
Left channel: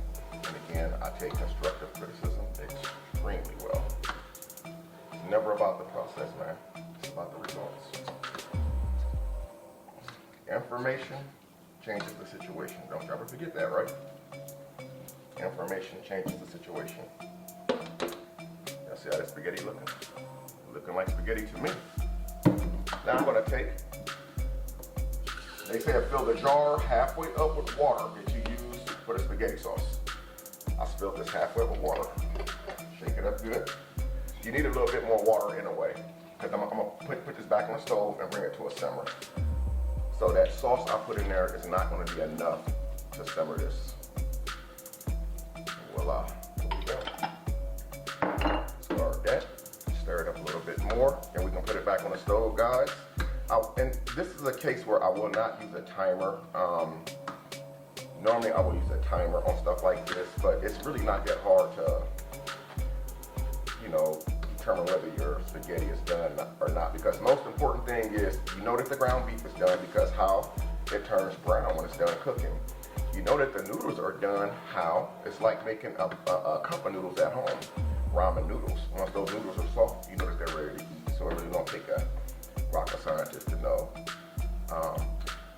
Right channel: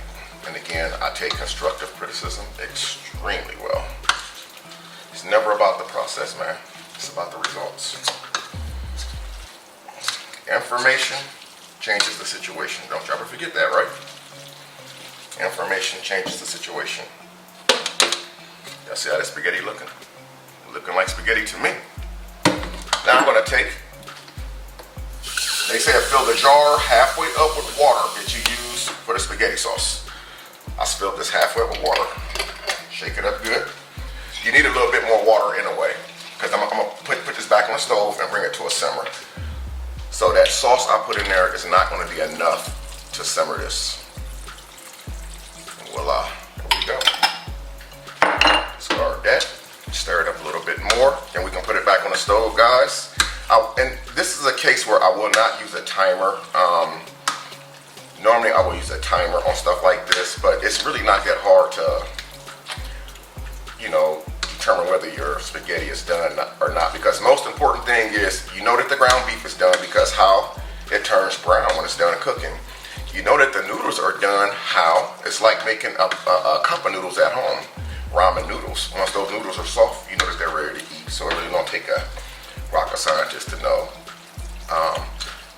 And again, I take constructive criticism extremely well. It's never about the process, man. It's about the results. Information changes the situation. Don't you ever forget that, right? Information changes the situation. Y'all see how that spaghetti looking? Looking like spaghetti to me. Now I'm gonna take, they say fill the jar halfway up with water that you use for the spaghetti sauce. I filled this halfway with water. Shake it up good. You need a little bit more water in a way, because I'm gonna put this back on the stove and bring it to a simmer. So that sauce I put in there is not gonna be enough to simmer this. Voila, there we go. Start that, stir it up a little bit more, and we can put it back on the stove, guys. And this is a case where I will not use a timer. Normally I will use a timer on stuff like this, but it's really not that hard to, you know, determine whether your spaghetti is done or not, because the most important thing is you know that the ground beef is done because how it turns brown when it's done cooking. You know that the noodles are done how it's like making a cup of noodles at home, ramen noodles. Once those noodles are soft, you know that they're ready to eat. So it really don't take a rocket scientist to know.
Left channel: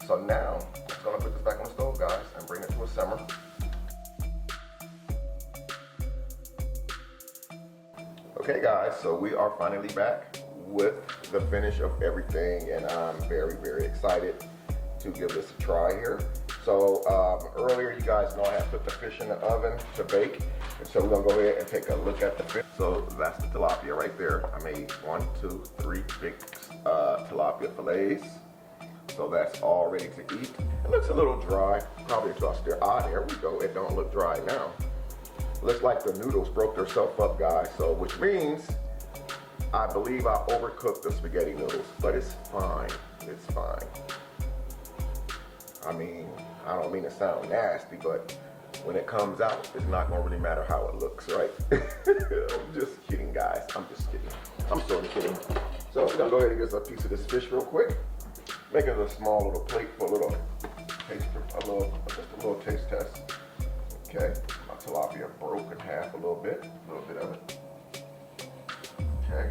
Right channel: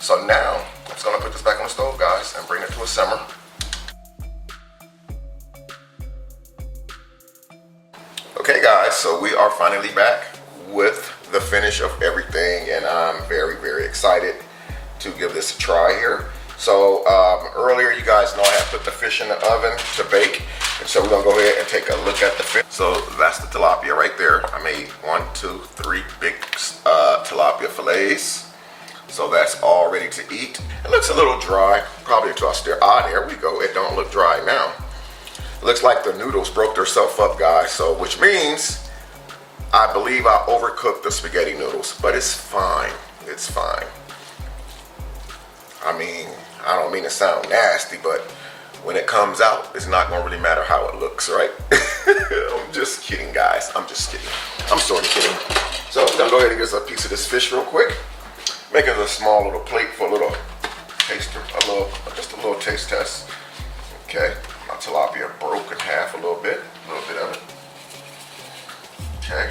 So now I'm just gonna put this back on the stove, guys, and bring it to a simmer. Okay guys, so we are finally back with the finish of everything, and I'm very, very excited to give this a try here. So earlier you guys know I had put the fish in the oven to bake, and so we're gonna go ahead and take a look at the fish. So that's the tilapia right there. I made 1, 2, 3 big tilapia fillets. So that's all ready to eat. It looks a little dry, probably until I stir. Ah, there we go. It don't look dry now. Looks like the noodles broke themselves up, guys. So, which means I believe I overcooked the spaghetti noodles, but it's fine. It's fine. I mean, I don't mean to sound nasty, but when it comes out, it's not gonna really matter how it looks, right? I'm just kidding, guys. I'm just kidding. I'm sort of kidding. So I'm gonna go ahead and get us a piece of this fish real quick. Make it a small little plate for a little taster, just a little taste test. Okay, my tilapia broke in half a little bit of it. Okay,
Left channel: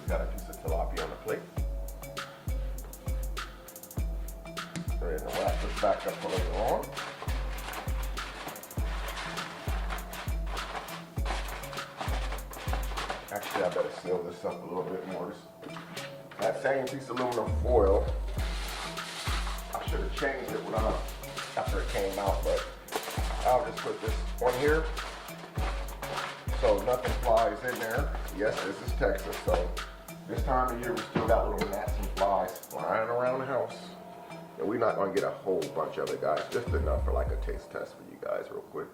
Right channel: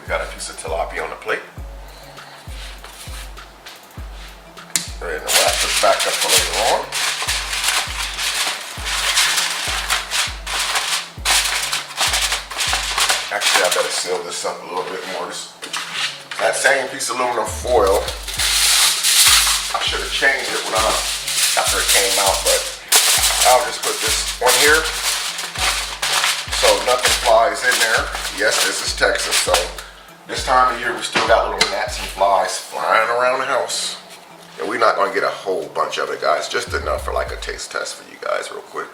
we got a piece of tilapia on the plate. Go ahead and wrap this back up for later on. Actually, I better seal this up a little bit more. That same piece of aluminum foil, I should have changed it after it came out, but I'll just put this on here so nothing flies in there. Yes, this is Texas, so this time of year we still got little gnats and flies flying around the house. And we're not gonna get a whole bunch of it, guys, just enough for like a taste test for you guys real quick.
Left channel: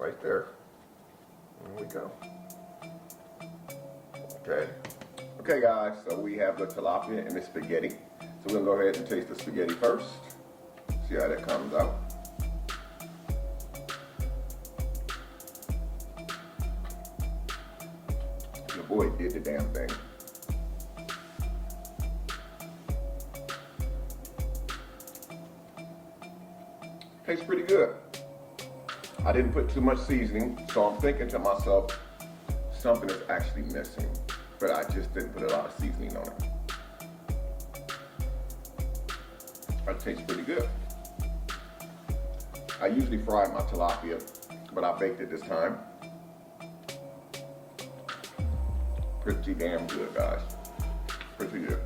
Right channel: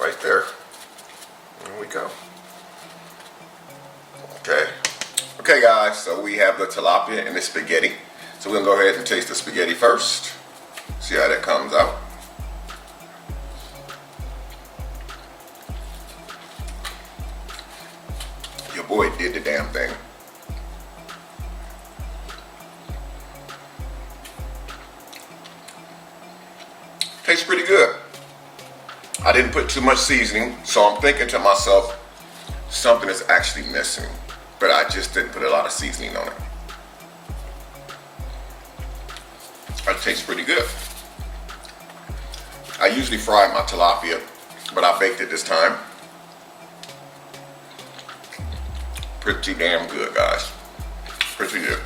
Right there. There we go. Okay. Okay guys, so we have the tilapia and the spaghetti. So we're gonna go ahead and taste the spaghetti first. See how that comes out. Your boy did the damn thing. Tastes pretty good. I didn't put too much seasoning, so I'm thinking to myself, something is actually missing. But I just didn't put a lot of seasoning on it. It tastes pretty good. I usually fry my tilapia, but I baked it this time. Pretty damn good, guys. Pretty good.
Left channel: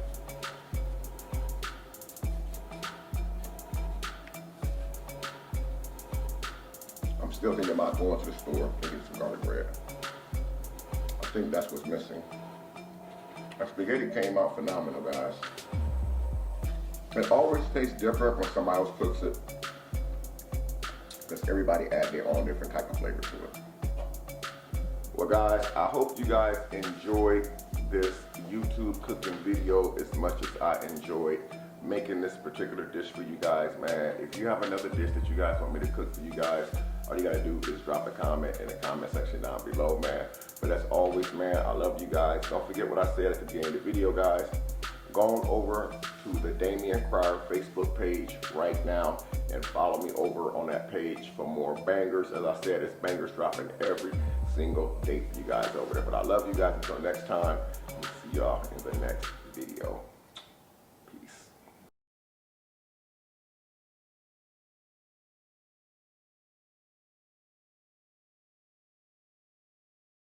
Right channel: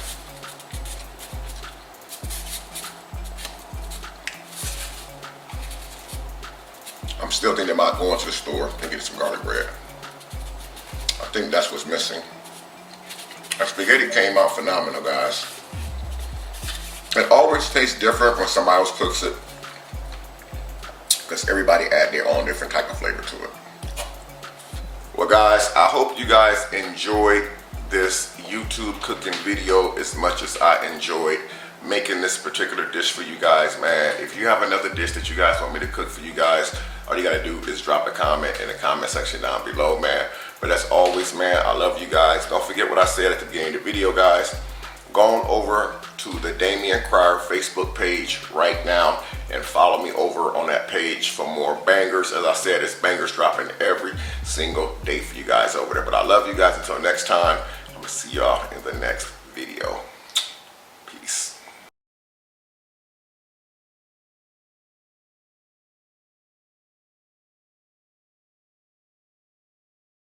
I'm still thinking about going to the store and getting some garlic bread. I think that's what's missing. That spaghetti came out phenomenal, guys. It always tastes different when somebody else cooks it, because everybody add their own different type of flavor to it. Well guys, I hope you guys enjoyed this YouTube cooking video as much as I enjoyed making this particular dish for you guys, man. If you have another dish that you guys want me to cook for you guys, all you gotta do is drop a comment in the comment section down below, man. But as always, man, I love you guys. Don't forget what I said at the beginning of the video, guys. Go on over to the Damian Cryer Facebook page right now and follow me over on that page for more bangers. As I said, it's bangers dropping every single day for you guys over there. But I love you guys. Until next time, I'm gonna see y'all in the next video.